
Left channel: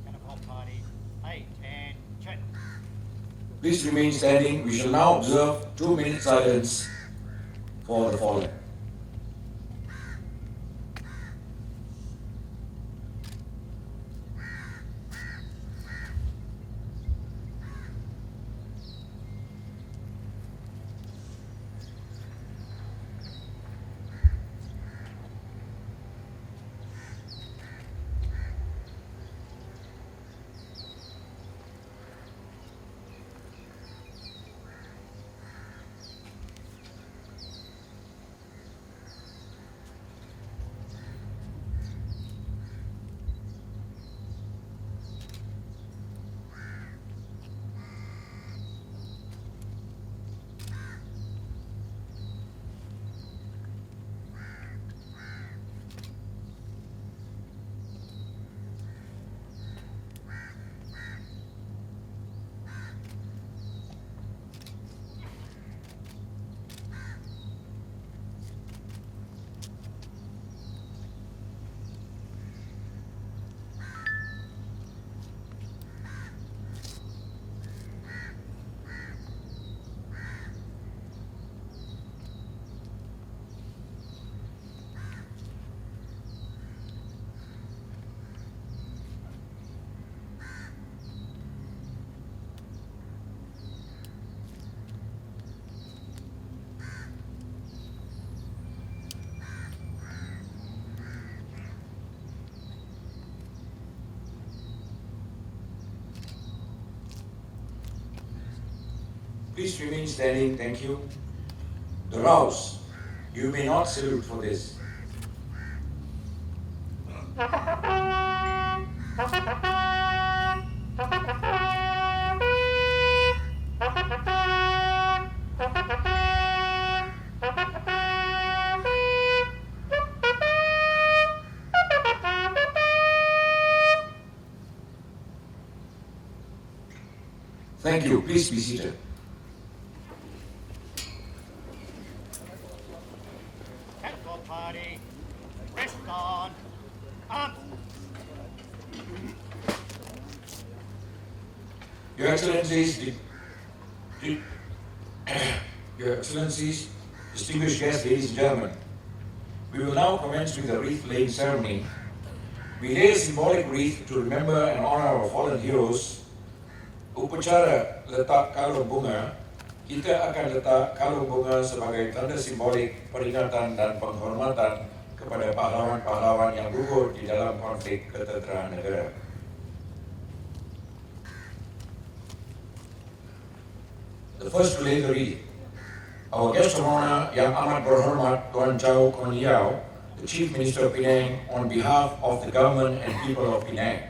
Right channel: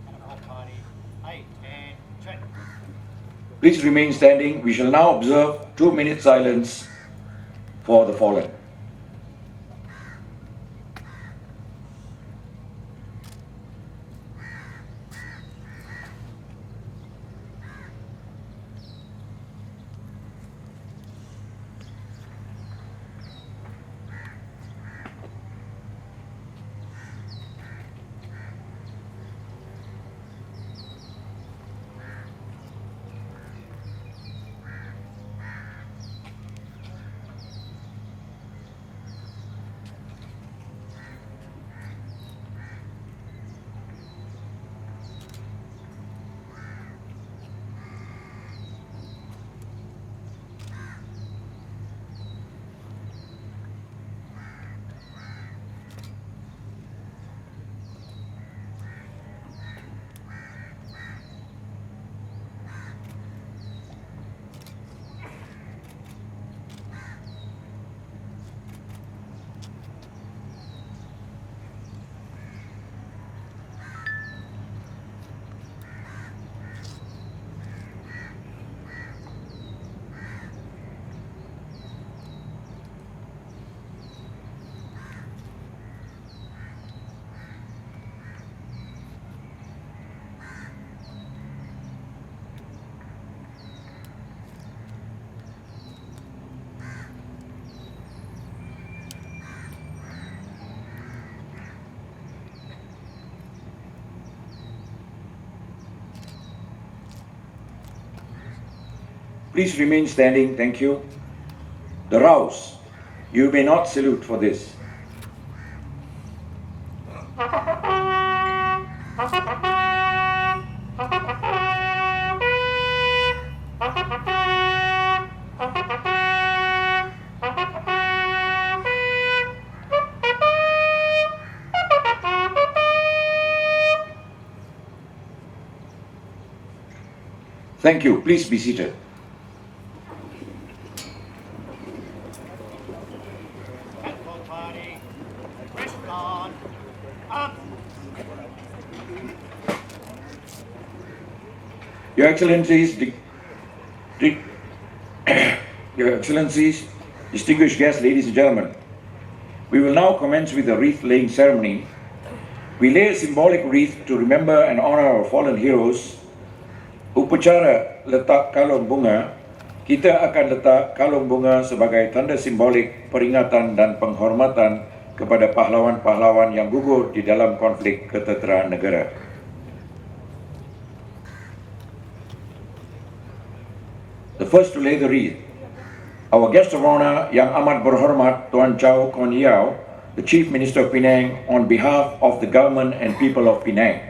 Cenotaph Party, attention. Please remain standing. We shall now observe 2-minute silence for the fallen. Please remain standing, thank you. The Rouse, you may not salute for this. Thank you. Please be seated. Catwalk party, rest on, arms. Your Excellencies, Your Excellencies, distinguished guests, ladies and gentlemen, we will now commence with the wreath-laying ceremony. We lay a symbolic wreath to remember and honor our fallen heroes. Upacara letak kalung bunga, kita akan letak kalung bunga sebagai tanda simbolik peringatan dan penghormatan kepada pahlawan-pahlawan yang gugur di dalam konflik ketenteraan negara. The first to lay the wreath, our guest of honor yang amat berhormat Tuan Chow Kon Yao, the Chief Minister of Penang, on behalf of the government and people of Penang.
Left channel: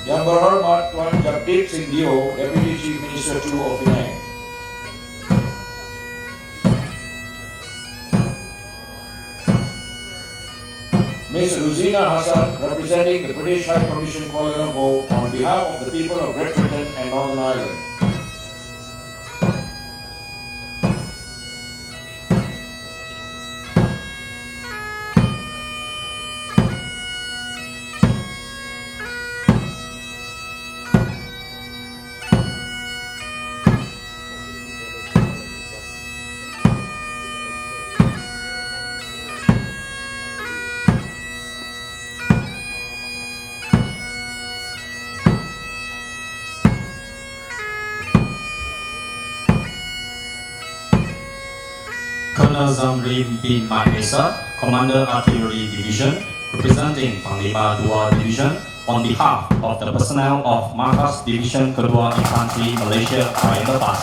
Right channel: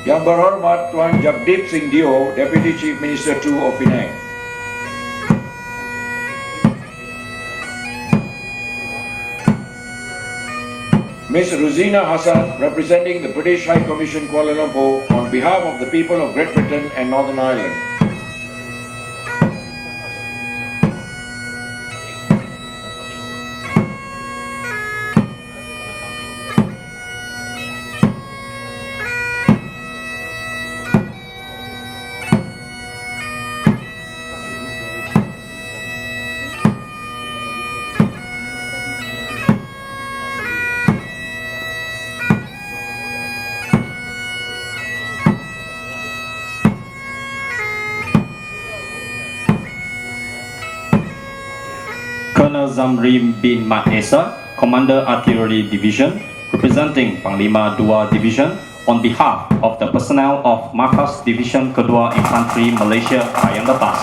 Yang berhormat Tuan Jagdeep Singh Dio, Deputy Chief Minister 2 of Penang. Ms. Rosina Hassan, representing the British High Commission Kuala Lumpur, on behalf of the people of Great Britain and Northern Ireland. Colonel Zamri bin Mahesa, Commander Artillery Division, representing Panglima II Division, on behalf of the personnel of Markas Division Kedua Infantry Malaysia Flying Lepas.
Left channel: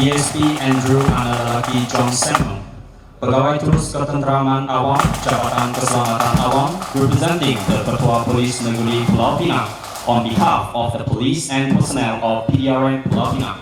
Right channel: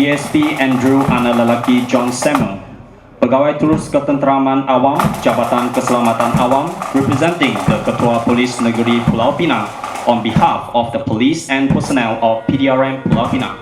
DSP Andrew Analalaki John Samuel, Pegawai Terus Ketenteraman Awam, Jabatan Keselamatan Awam, representing the Ketua Polis Negeri Pulau Pinang, on behalf of the police and personnel of PDRM Pulau Pinang.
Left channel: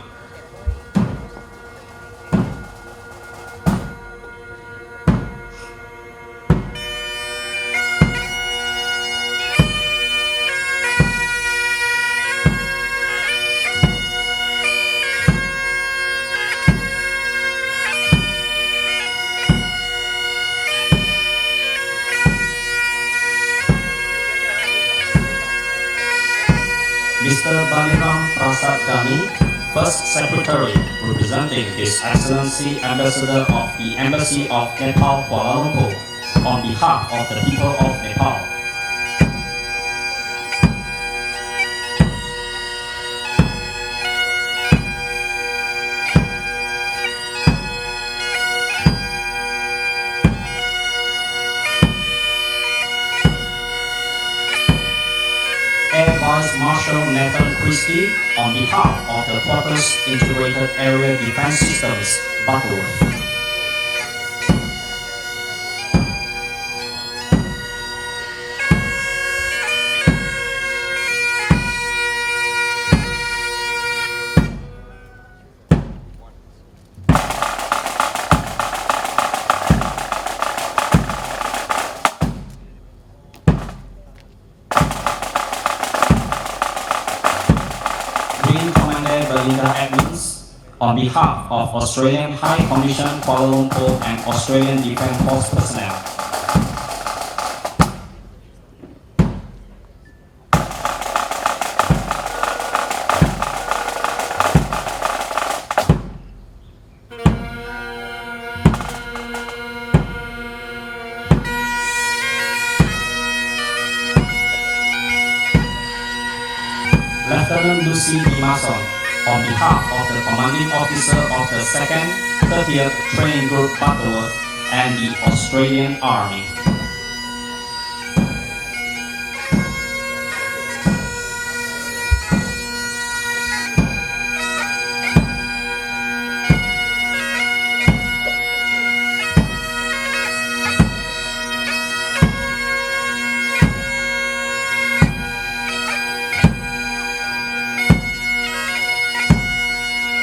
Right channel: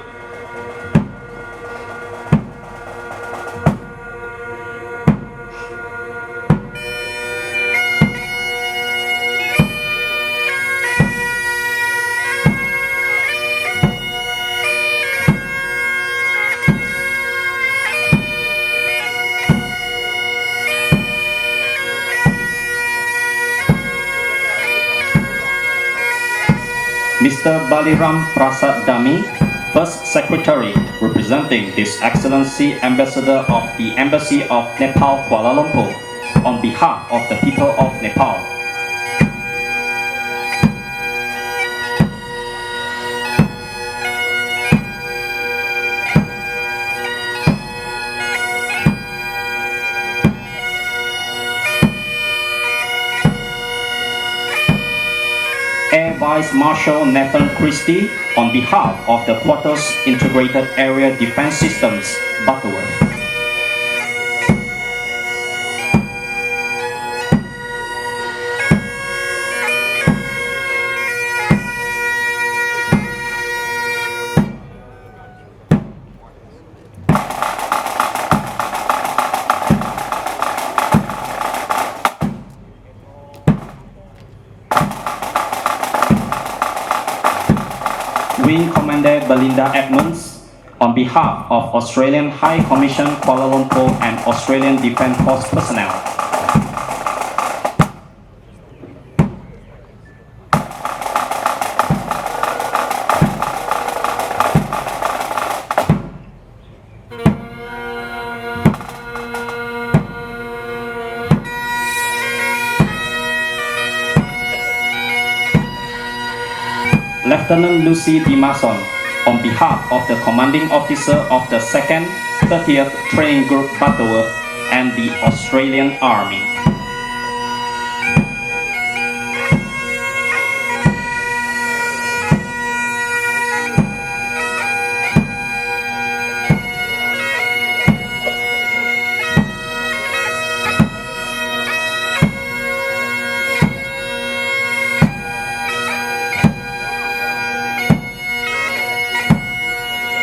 Mr. Baliram Prasad Dami, First Secretary, representing His Excellency Ambassador of the Embassy of Nepal, Kuala Lumpur, on behalf of the people of Nepal. Air Vice Marshal Nathan Christie on behalf of the Quarters Integrated Area Defense Systems, Butterworth. Wing Commander Belinda Edmonds, on behalf of Australian High Commission Kuala Lumpur and Australian Defence Force personnel. Lieutenant Lucy D. Mason, on behalf of the Commanding Officer of the 2nd 30th Training Group Butterworth and the Australian Army.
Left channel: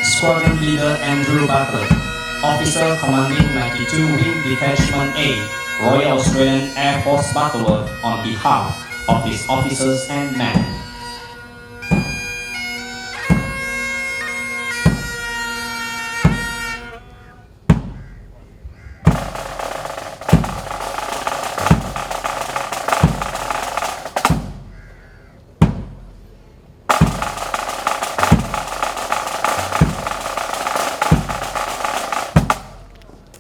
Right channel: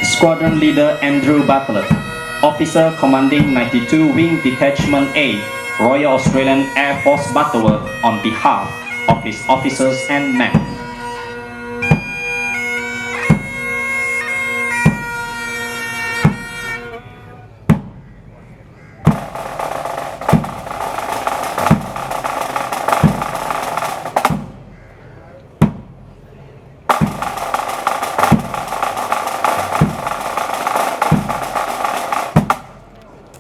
Squadron Leader Andrew Butler, Officer Commanding 92 Wing Detachment A, Royal Australian Air Force Butterworth, on behalf of his officers and men.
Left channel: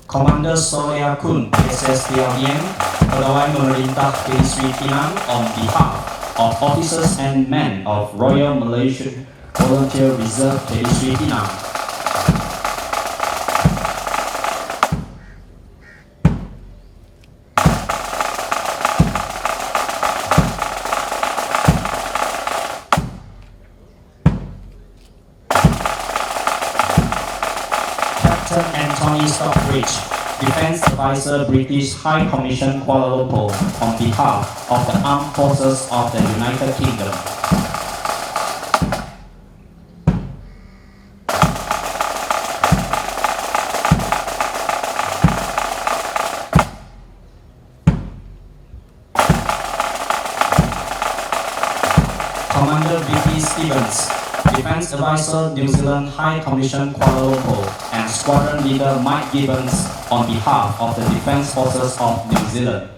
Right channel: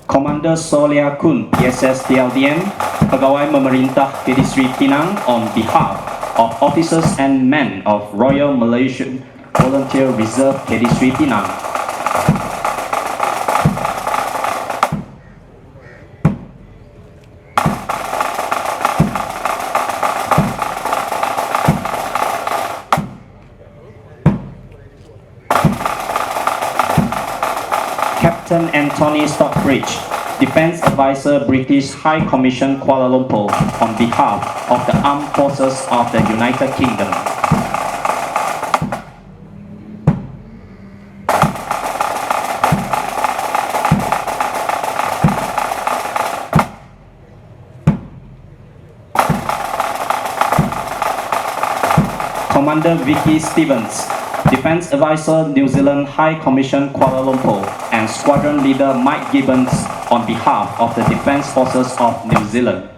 Commander Solia Kun, PSS Tiavian, Pegawai Pemerintah Kedisri Penang, on behalf of officers and men of Royal Malaysian Volunteer Reserve Kedisri Penang. Captain Anthony Stockbridge, Defence Advisor British High Commission Kuala Lumpur, on behalf of the Armed Forces of the United Kingdom. Commander Vicky Stevens, Defence Advisor New Zealand High Commission Kuala Lumpur, and Squadron Leader Mike Gibbons, on behalf of the Defence Forces of New Zealand.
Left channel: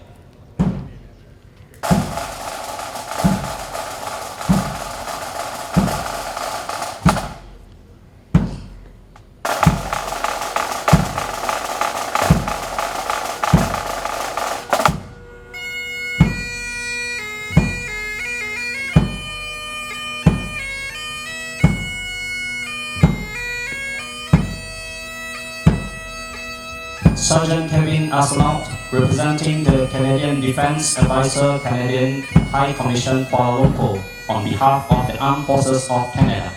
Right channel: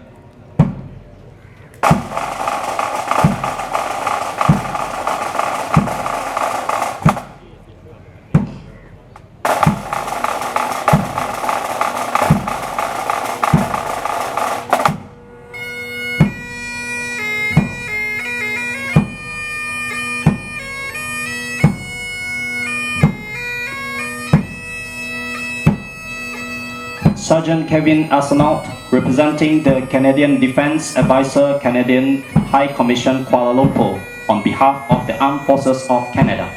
Sergeant Kevin Arsenault, representing the Canadian Defence Advisor Canadian High Commission Kuala Lumpur, on behalf of the Armed Forces of Canada.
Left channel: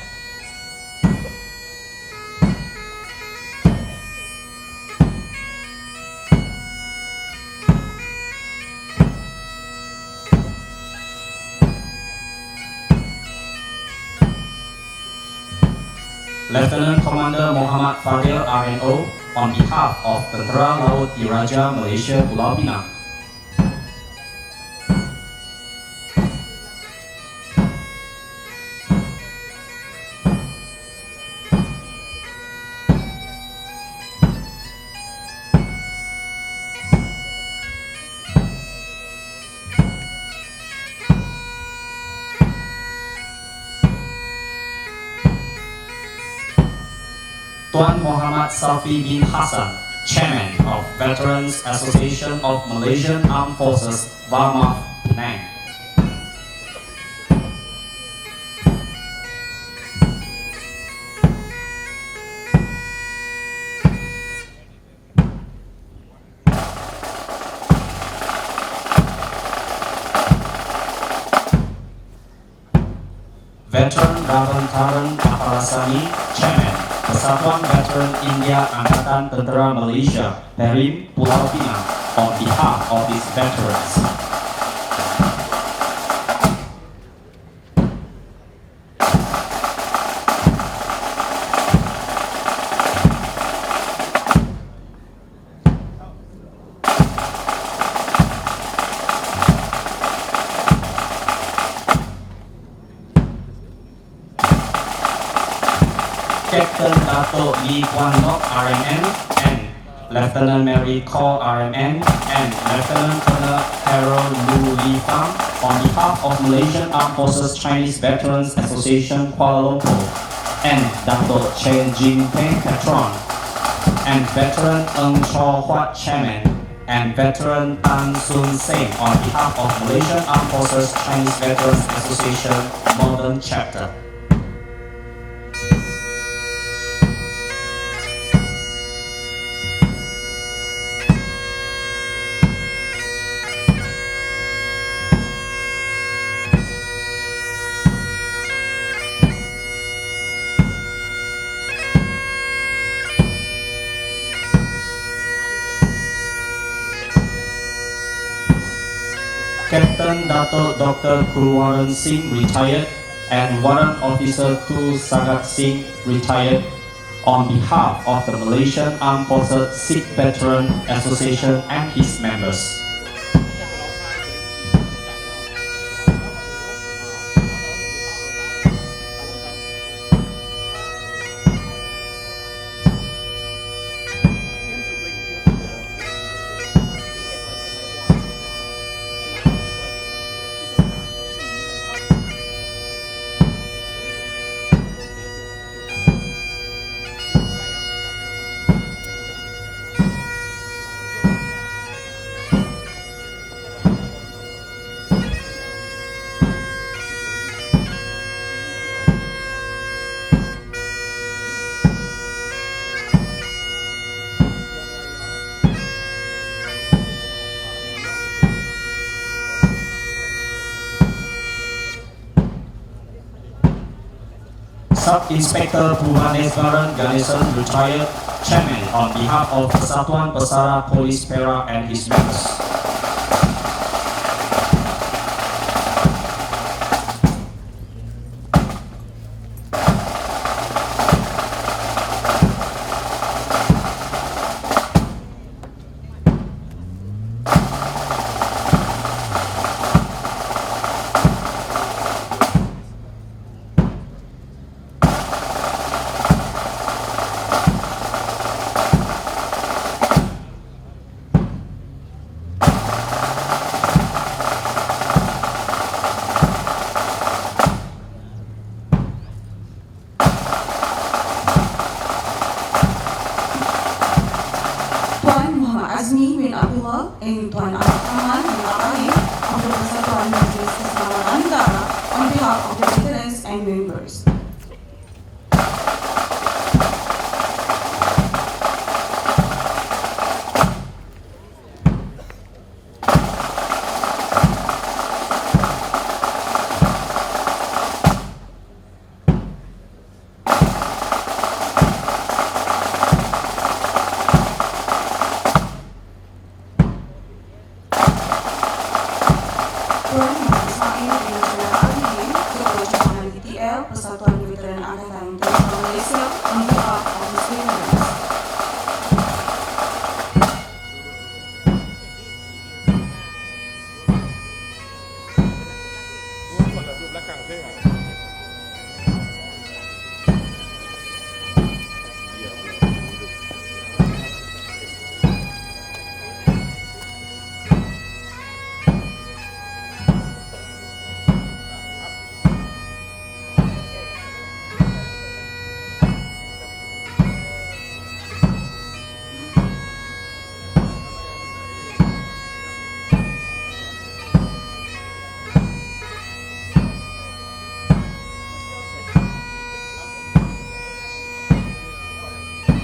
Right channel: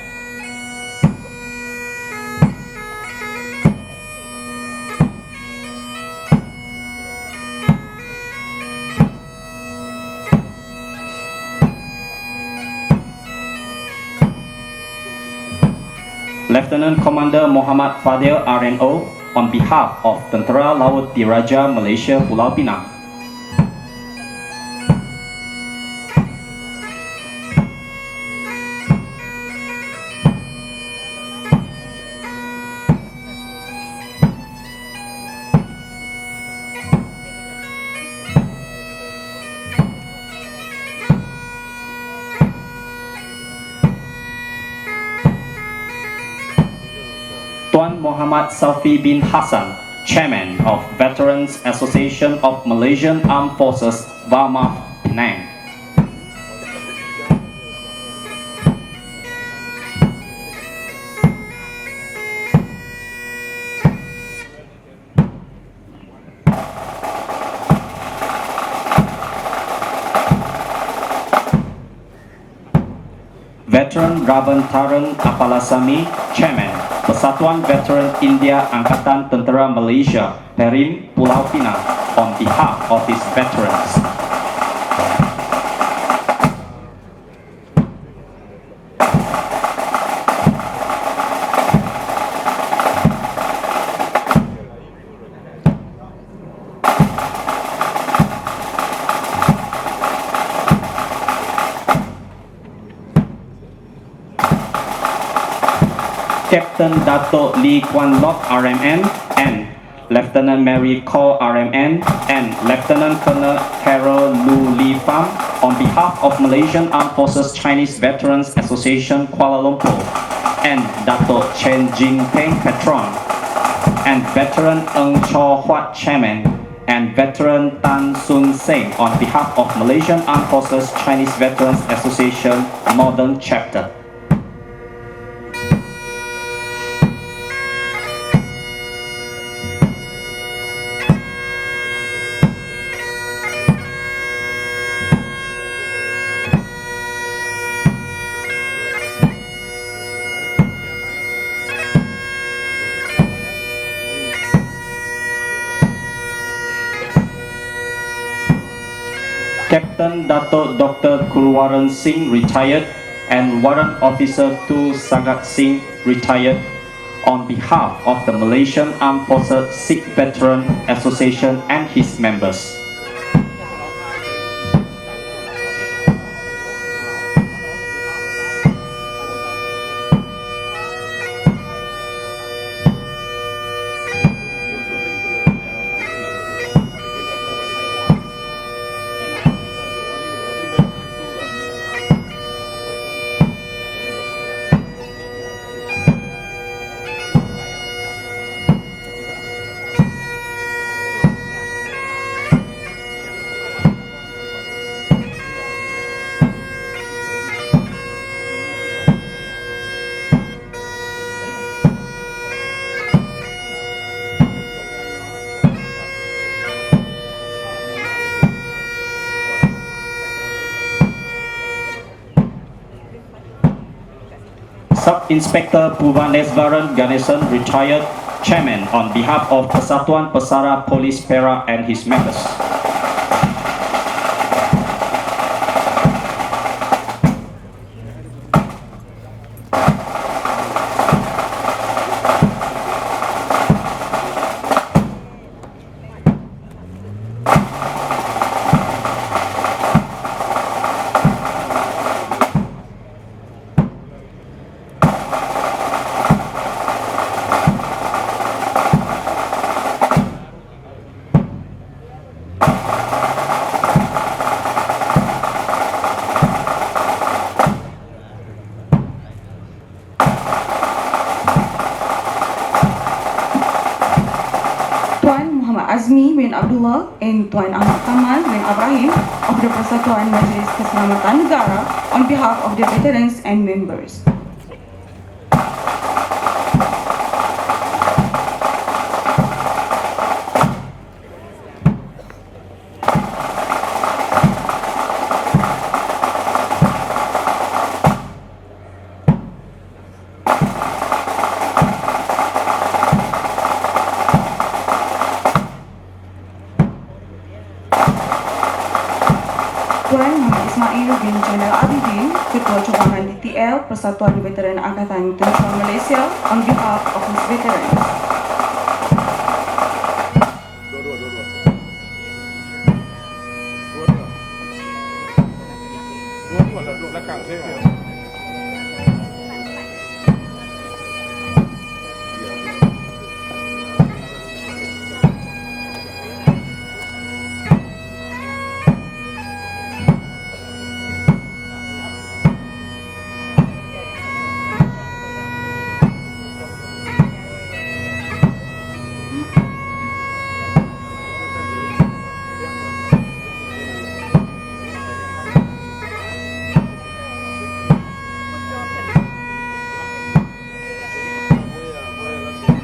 Lieutenant Commander Muhammad Fadil RNO, on behalf of Tentera Laut Diraja Malaysia Pulau Pinang. Tuan Muhammad Safi bin Hassan, Chairman of Veterans Association of Malaysian Armed Forces, Barmah, Penang. Veteran Ravantaran Apalasani, Chairman, Persatuan Veteran India Angkatan Tentera Malaysia, Perin, Pulau Pinang, on behalf of its veterans. Captain Dato Lee Kuan Lok RMN and Lieutenant Mary Cole RMN and Lieutenant Colonel Carol Lu Li Fang on behalf of Malaysian Armed Forces Chinese Veterans Association Kuala Lumpur and Dato Chen Jing Peng Patron and Veteran Ng Cho Huat Chairman and Veteran Tan Sun Seng on behalf of Malaysian Armed Forces Chinese Veterans Association Northern Chapter. Captain Dato Dr. Kurwaran Singh retired and Warrant Officer Tu Sagat Singh retired on behalf of the Malaysian Armed Forces Sikh Veteran Association and his members. Sub-Inspector Bhuvaneswaran Ganesan retired, Chairman on behalf of Persatuan Pesara Polis Perak and his members. and Tuan Ahmad Kamal bin Ibrahim of the Persatuan Majlis Keselamatan Negara on behalf of the veterans and members. Persatuan Veteran Angkatan Tentera Malaysia on behalf of his veterans.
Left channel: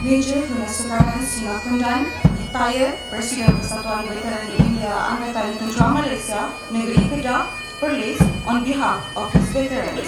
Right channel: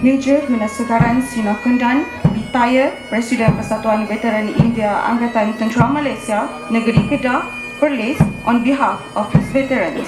Major Menasukaran Sinakundan, retired Presiden Persatuan Veteran India Angkatan Tentera Malaysia, Negeri Kedah, Perlis on behalf of his veterans.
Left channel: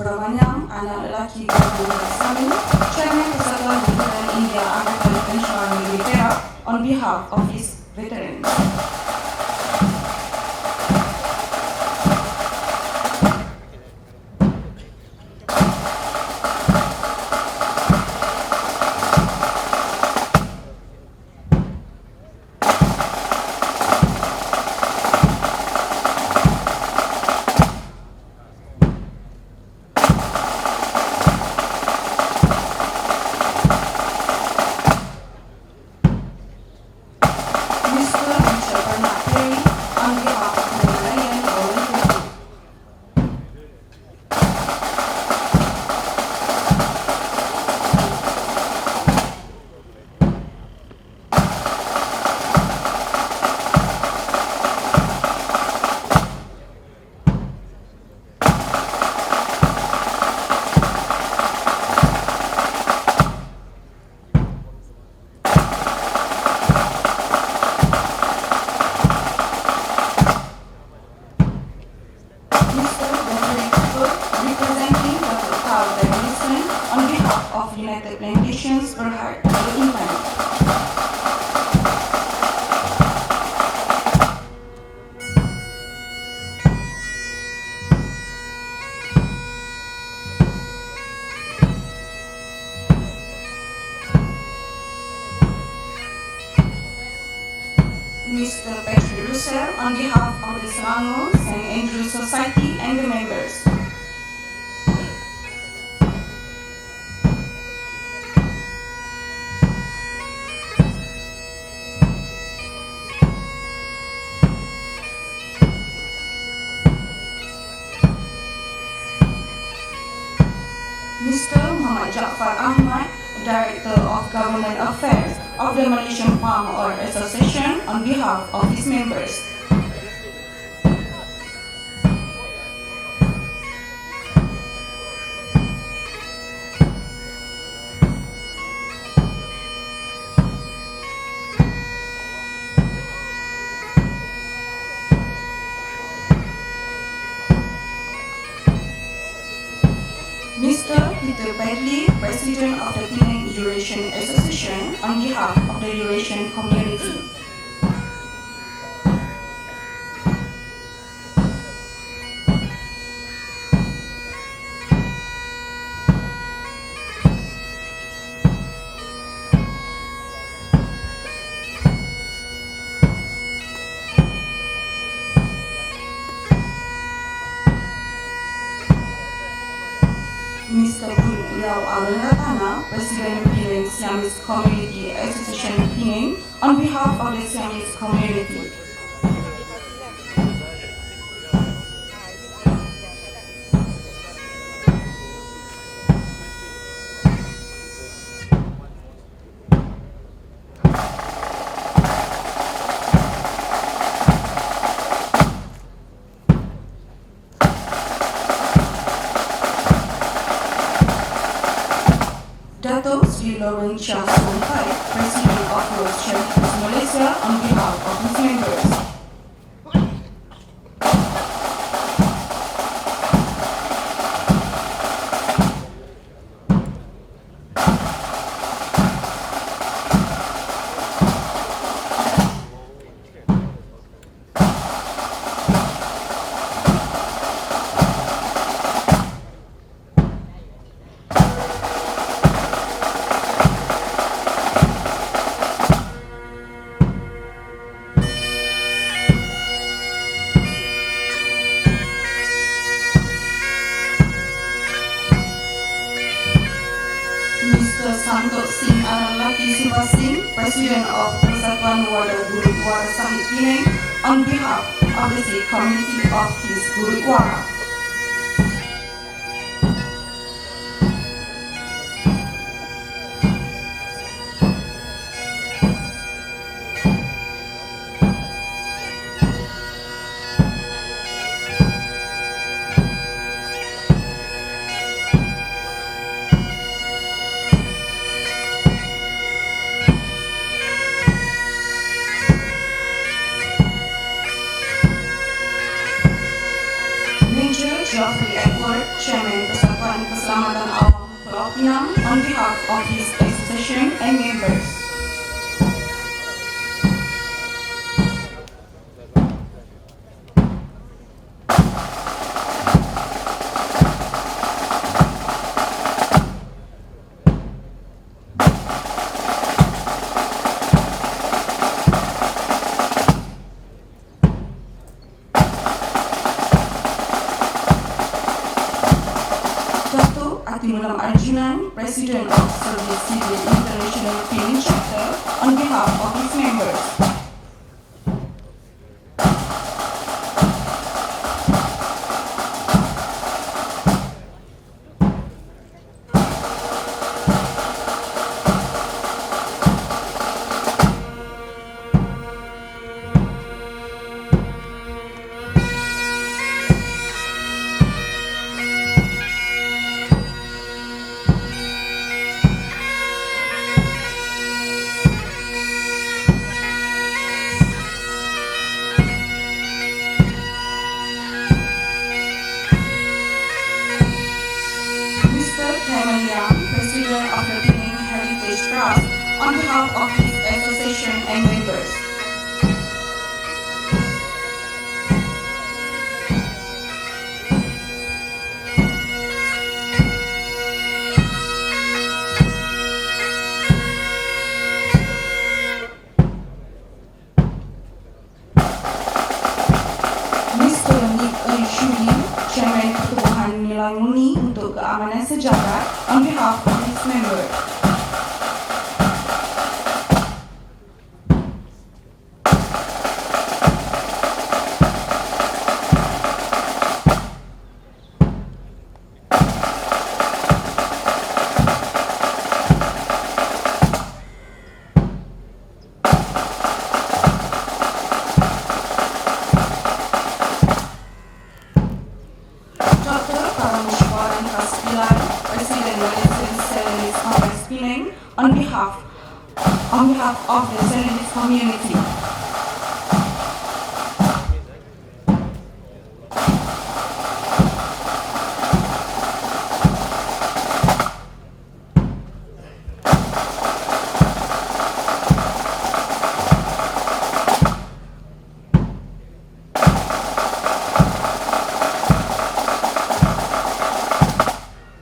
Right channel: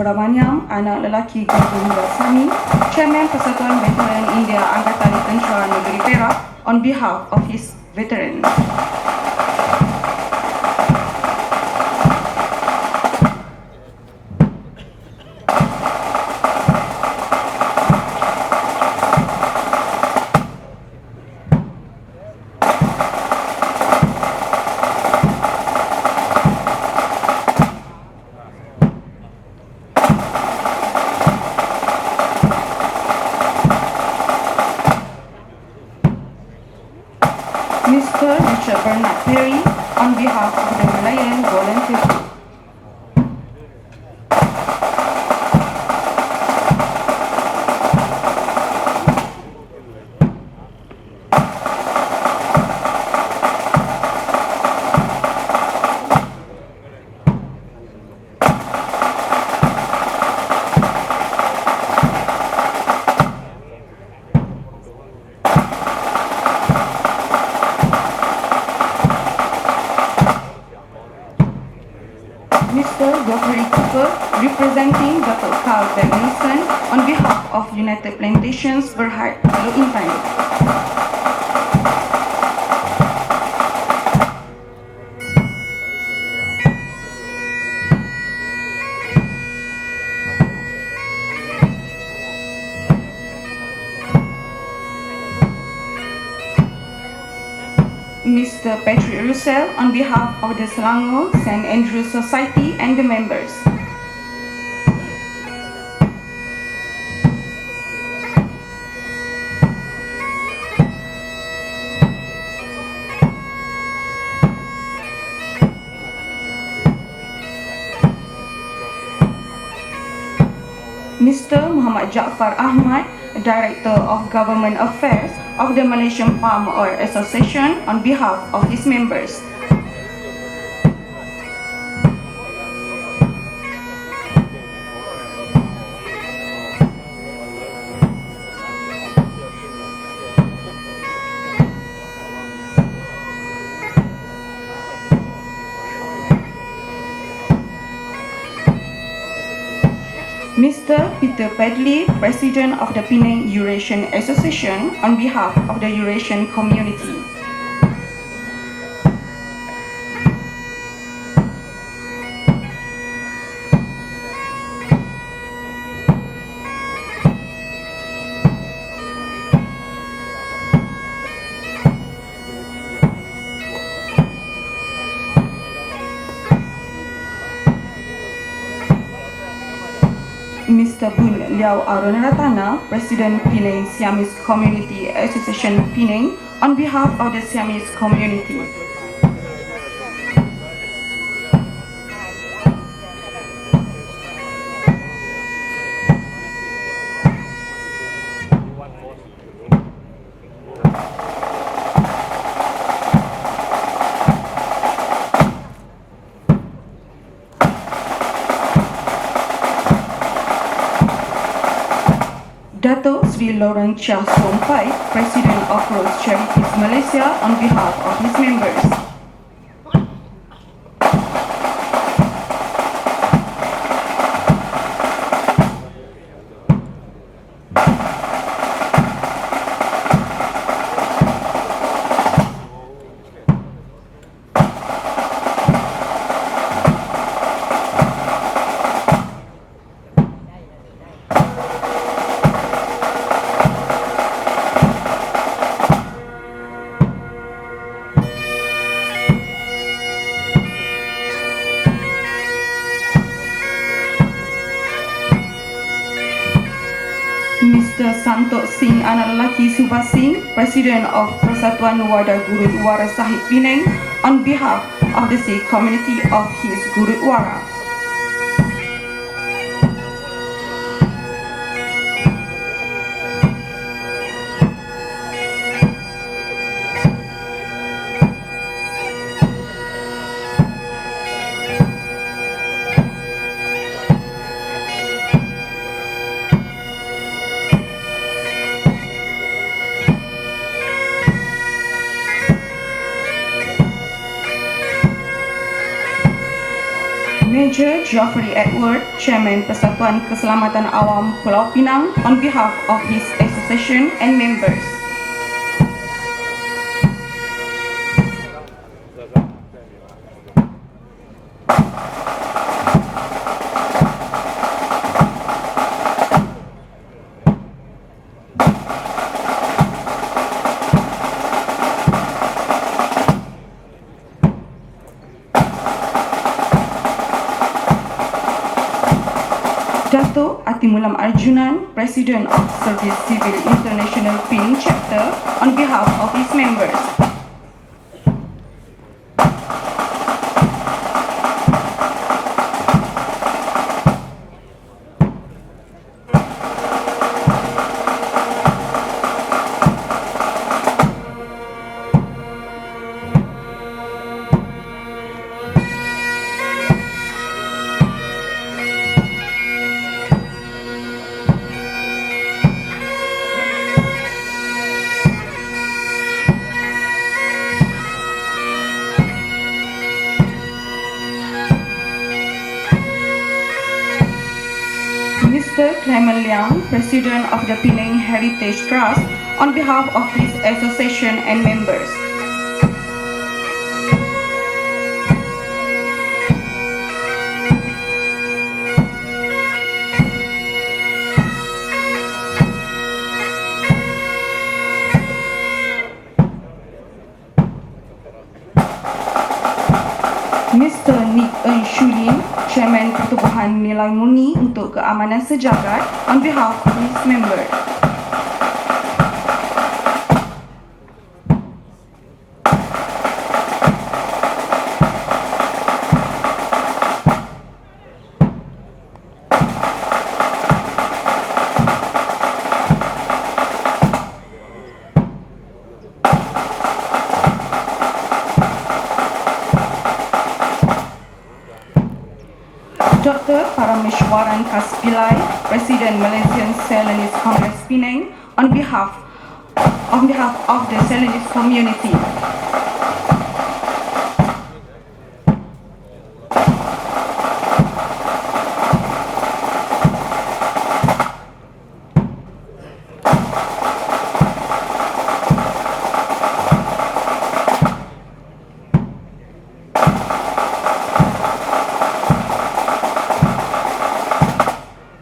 Subramaniam, anak lelaki Gubernur Sami, Chairman Persatuan Veteran India Angkatan Peninsular Negeri Perak, on behalf of his veterans. Mr. Patrick Russell on behalf of the Selangor St. Andrews Society and the members. Mr. Muhammad Jaafar Ahmad, Director of Government Affairs of the Malaysian Palm Oil Association on behalf of its members. Mr. Peter Pedley, President of the Penang Eurasian Association on behalf of the Eurasian community. Mr. Pun Liao Arunaratana, President Penang Siamese Community Association Penang, on behalf of the Siamese community. Dato' Sri Lawrence Chia Sompai, President of Rose Charities Malaysia, on behalf of his members. Mr. Santok Singh Analaki Subha Singh, President of Persatuan Warga Gurudwara Sahib Penang, on behalf of the Sikh community of his Gurudwara. Geoffrey Edward, Chairman Persatuan Keselamatan Awam Pulau Pinang, on behalf of his association and members. Atimulam Arjunan, President of Service Civil International Ping Chapter, on behalf of his members. President of the Penang Heritage Trust, on behalf of his association and members. Mr. Nick Shulin, Chairman Perubahan Milanguni untuk Keamanan Sejahtera, on behalf of his members. Dr. Parameshwaran Kaspilai, President Malaysian Celanese Congress Penang, on behalf of the Celanese community.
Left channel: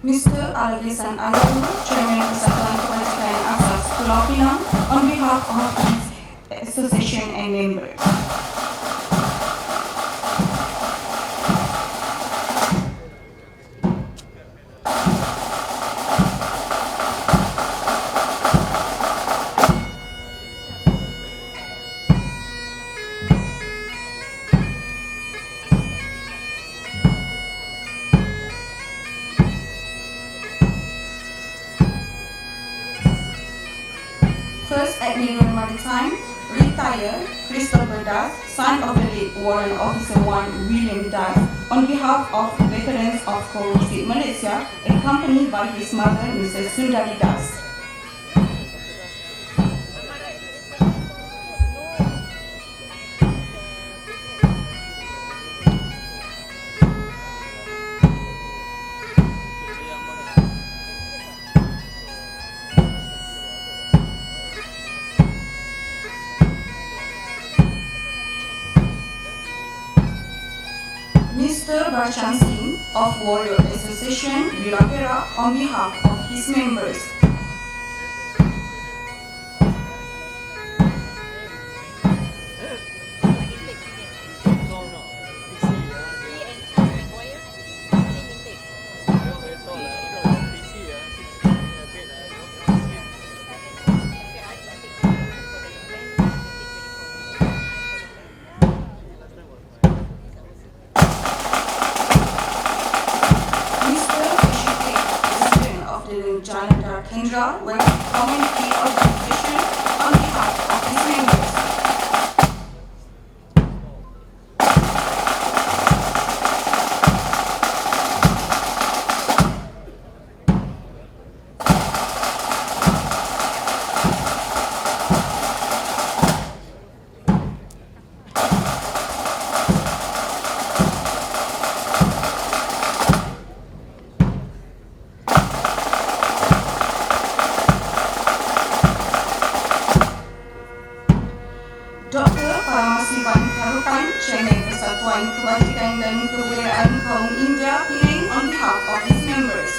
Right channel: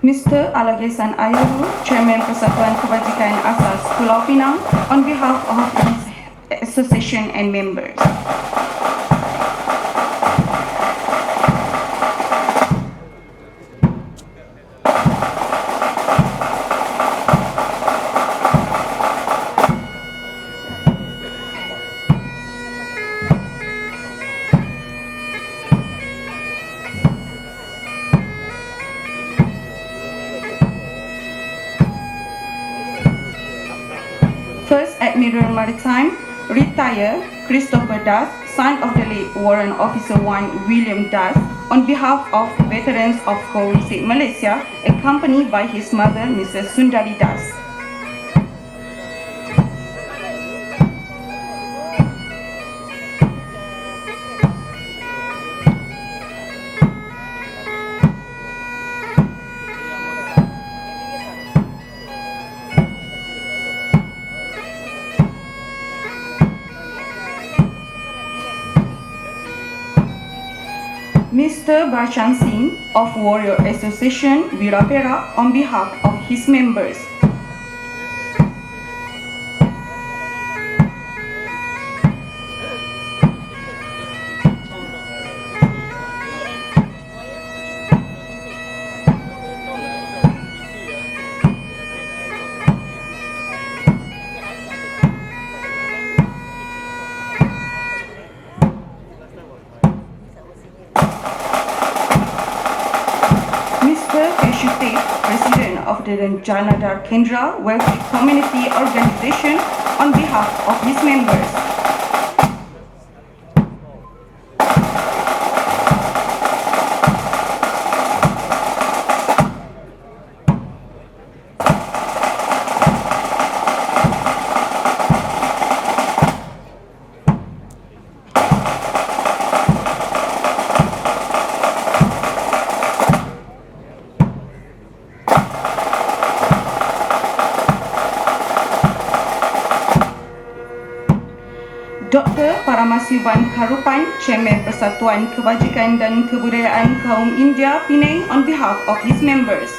Mr. Alagesan Ayubu, Chairman Persatuan Kebajikan Asas Pulau Pinang, on behalf of his association and members. First Admiral Maritime, retired Christopher Das, son of the late Warrant Officer 1 William Das, on behalf of veterans of Foreign State Malaysia, accompanied by his mother, Mrs. Sundari Das. Mr. Barchan Singh of Warrior Association, Bira Perak, on behalf of his members. Janadar Kendra Welfare Community Organization, on behalf of his members. Mas Iwan Harupan, Chairman Persatuan Kebajikan dan Kebudayaan Kaum India Penang on behalf of its members.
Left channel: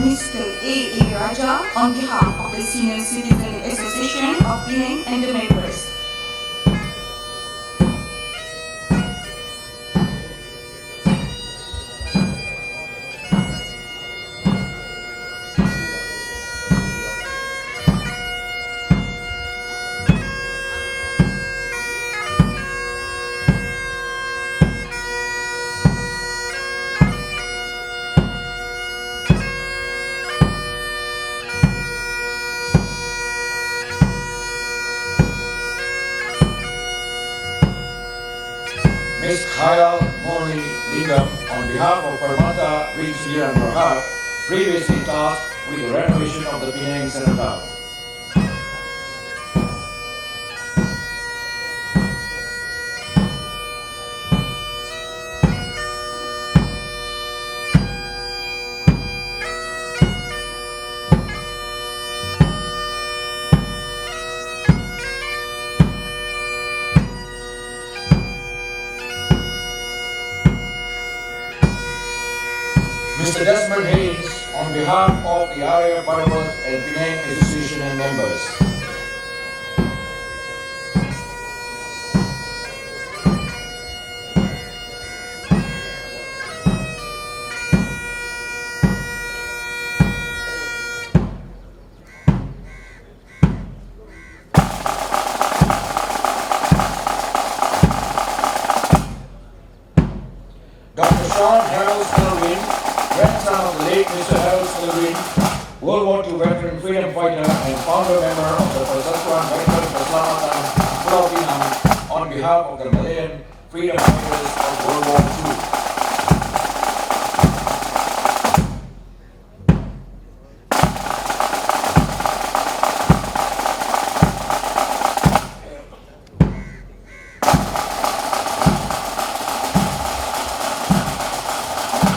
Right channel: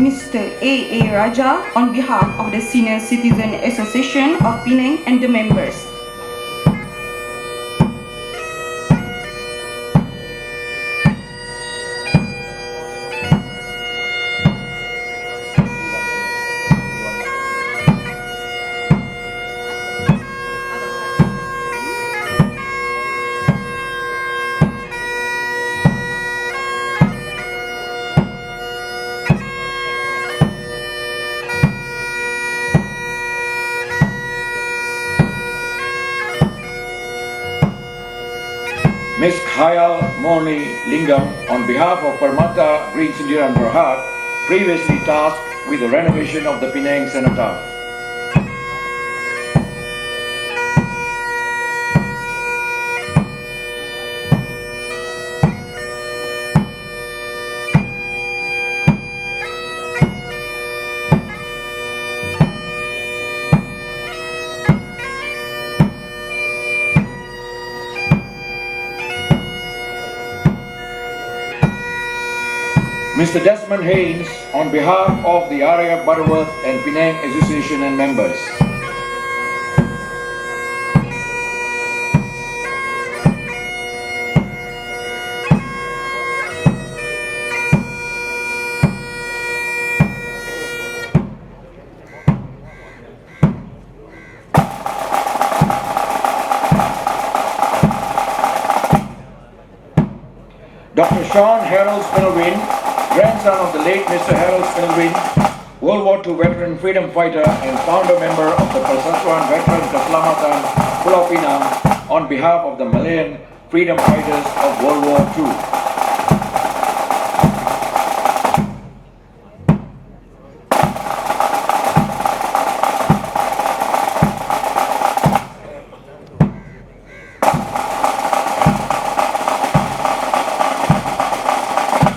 Mr. A. Raja on behalf of the Senior Citizen Association of Penang and the members. Ms. Hayal Morley Lingam, on behalf of Parmata Green India and Prahat, previously tasked with the renovation of the Penang Cenotaph. Mr. Desmond Haynes, on behalf of the area Butterworth and Penang Association and members. Dr. Sean Harold Spillwin, grandson of the late Mr. Harold Spillwin, World War II veteran freedom fighter and founder member of the Persatuan Veterans Keselamatan Pulau Pinang, on behalf of the Malayan freedom fighters of World War II.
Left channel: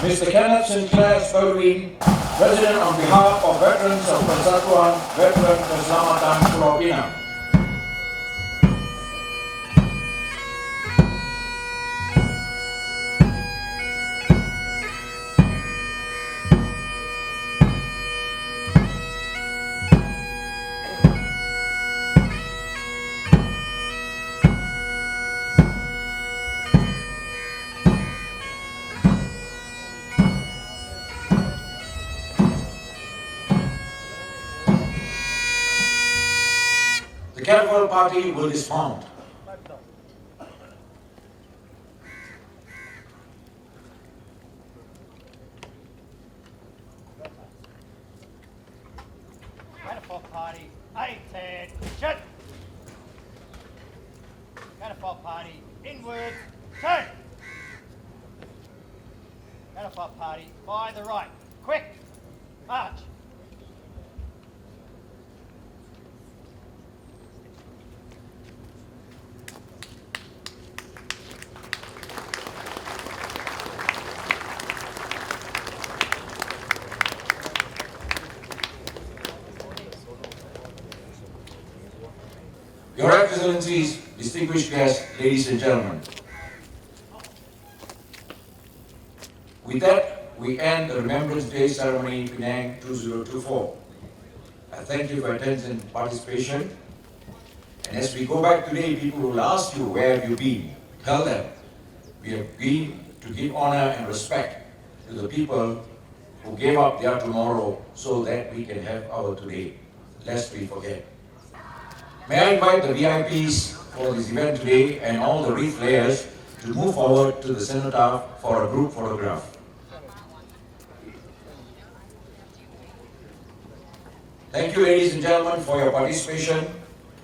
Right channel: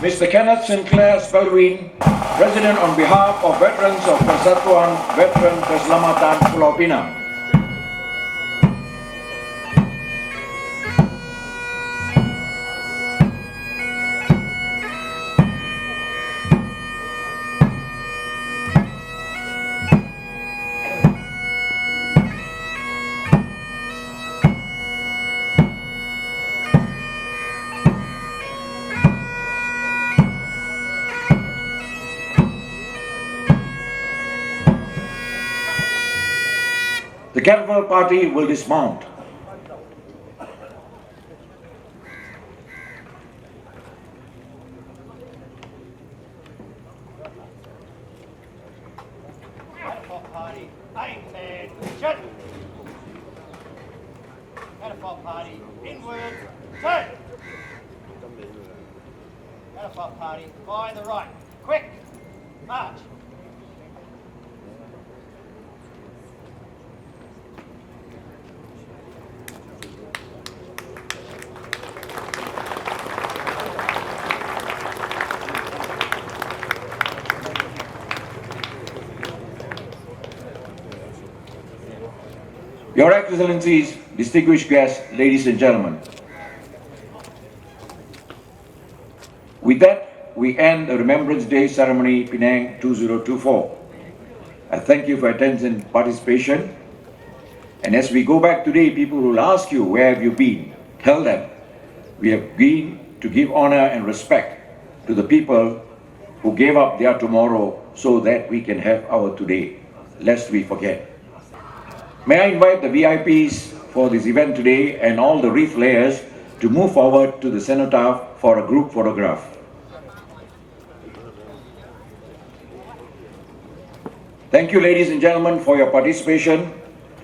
Mr. Kenneth Sinclair Spillwin, President on behalf of veterans of Persatuan Veterans Keselamatan Pulau Pinang. The Catapult Party will dismount. Catapult Party, 8-10, Catapult Party, inward, turn. Catapult Party, by the right, quick, march. Your Excellencies, distinguished guests, ladies and gentlemen. With that, we end the Remembrance Day ceremony Penang 2024. I thank you for attention and participation. And as we go back today, people will ask you, where have you been? Tell them, we have been to give honor and respect to the people who gave up their tomorrow so that we can have our today, lest we forget. May I invite the VIPs for this event today and all the wreath layers to move forward to the Cenotaph for a group photograph. Thank you, ladies and gentlemen, for your participation.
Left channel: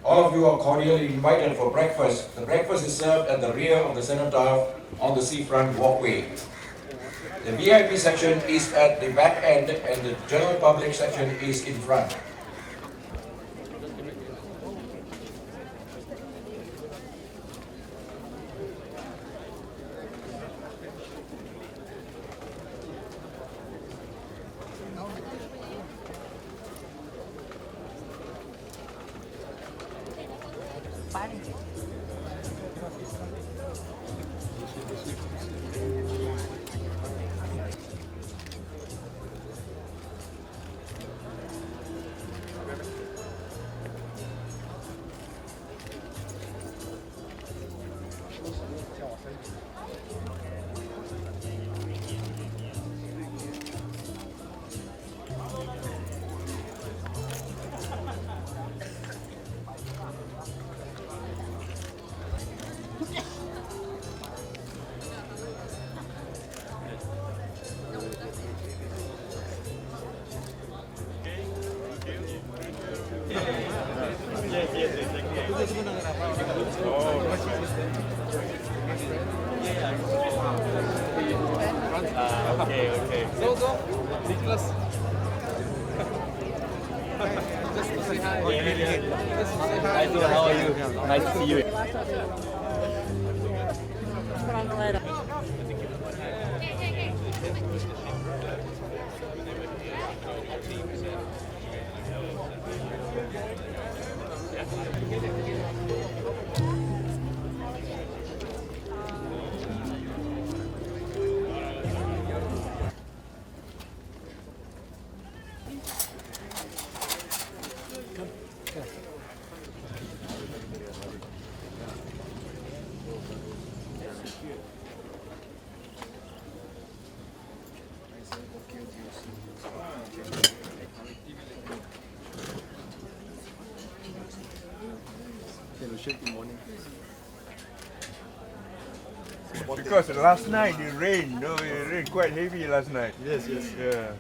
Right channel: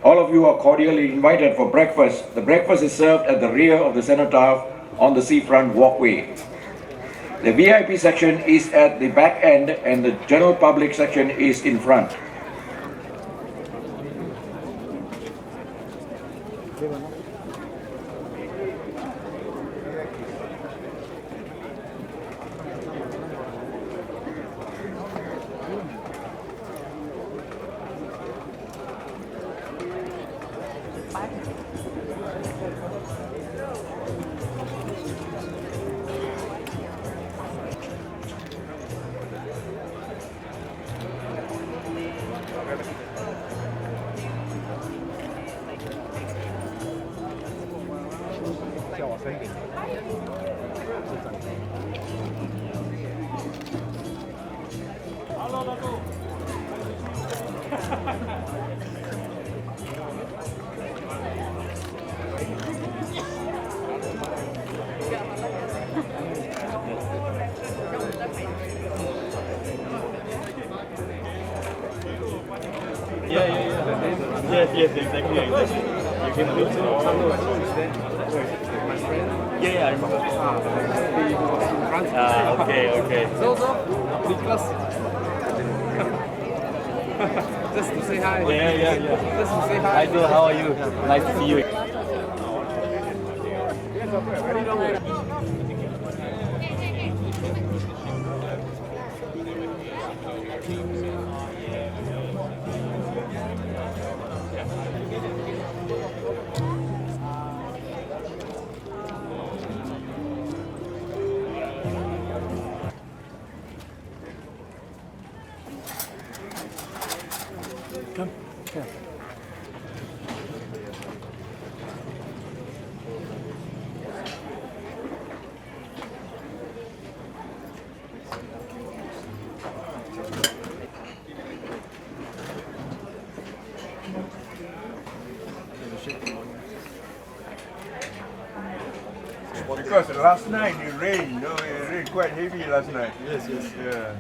All of you are cordially invited for breakfast. The breakfast is served at the rear of the Cenotaph on the seafront walkway. The VIP section is at the back end and the general public section is in front. Yes, exactly. Okay. So, Nicholas. Just to say hi. Just to say hi. Hi, Joe, how are you? Nice to see you. Because last night it rained, it rained quite heavy last night. Yes. Yeah.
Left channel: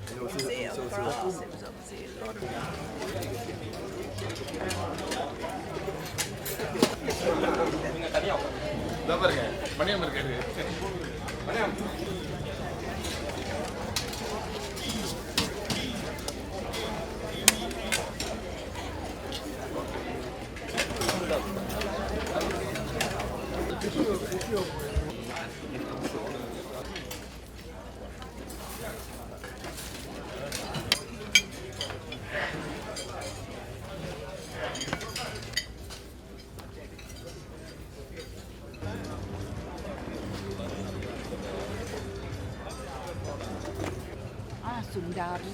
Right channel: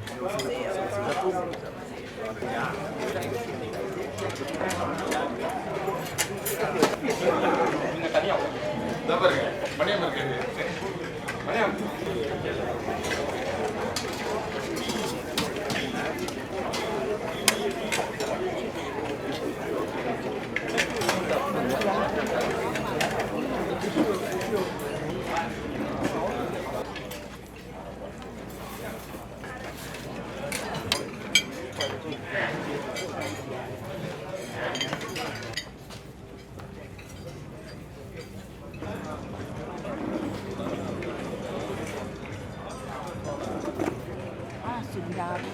Dapat kan? Mana yang berkata? Mana yang? Sundari.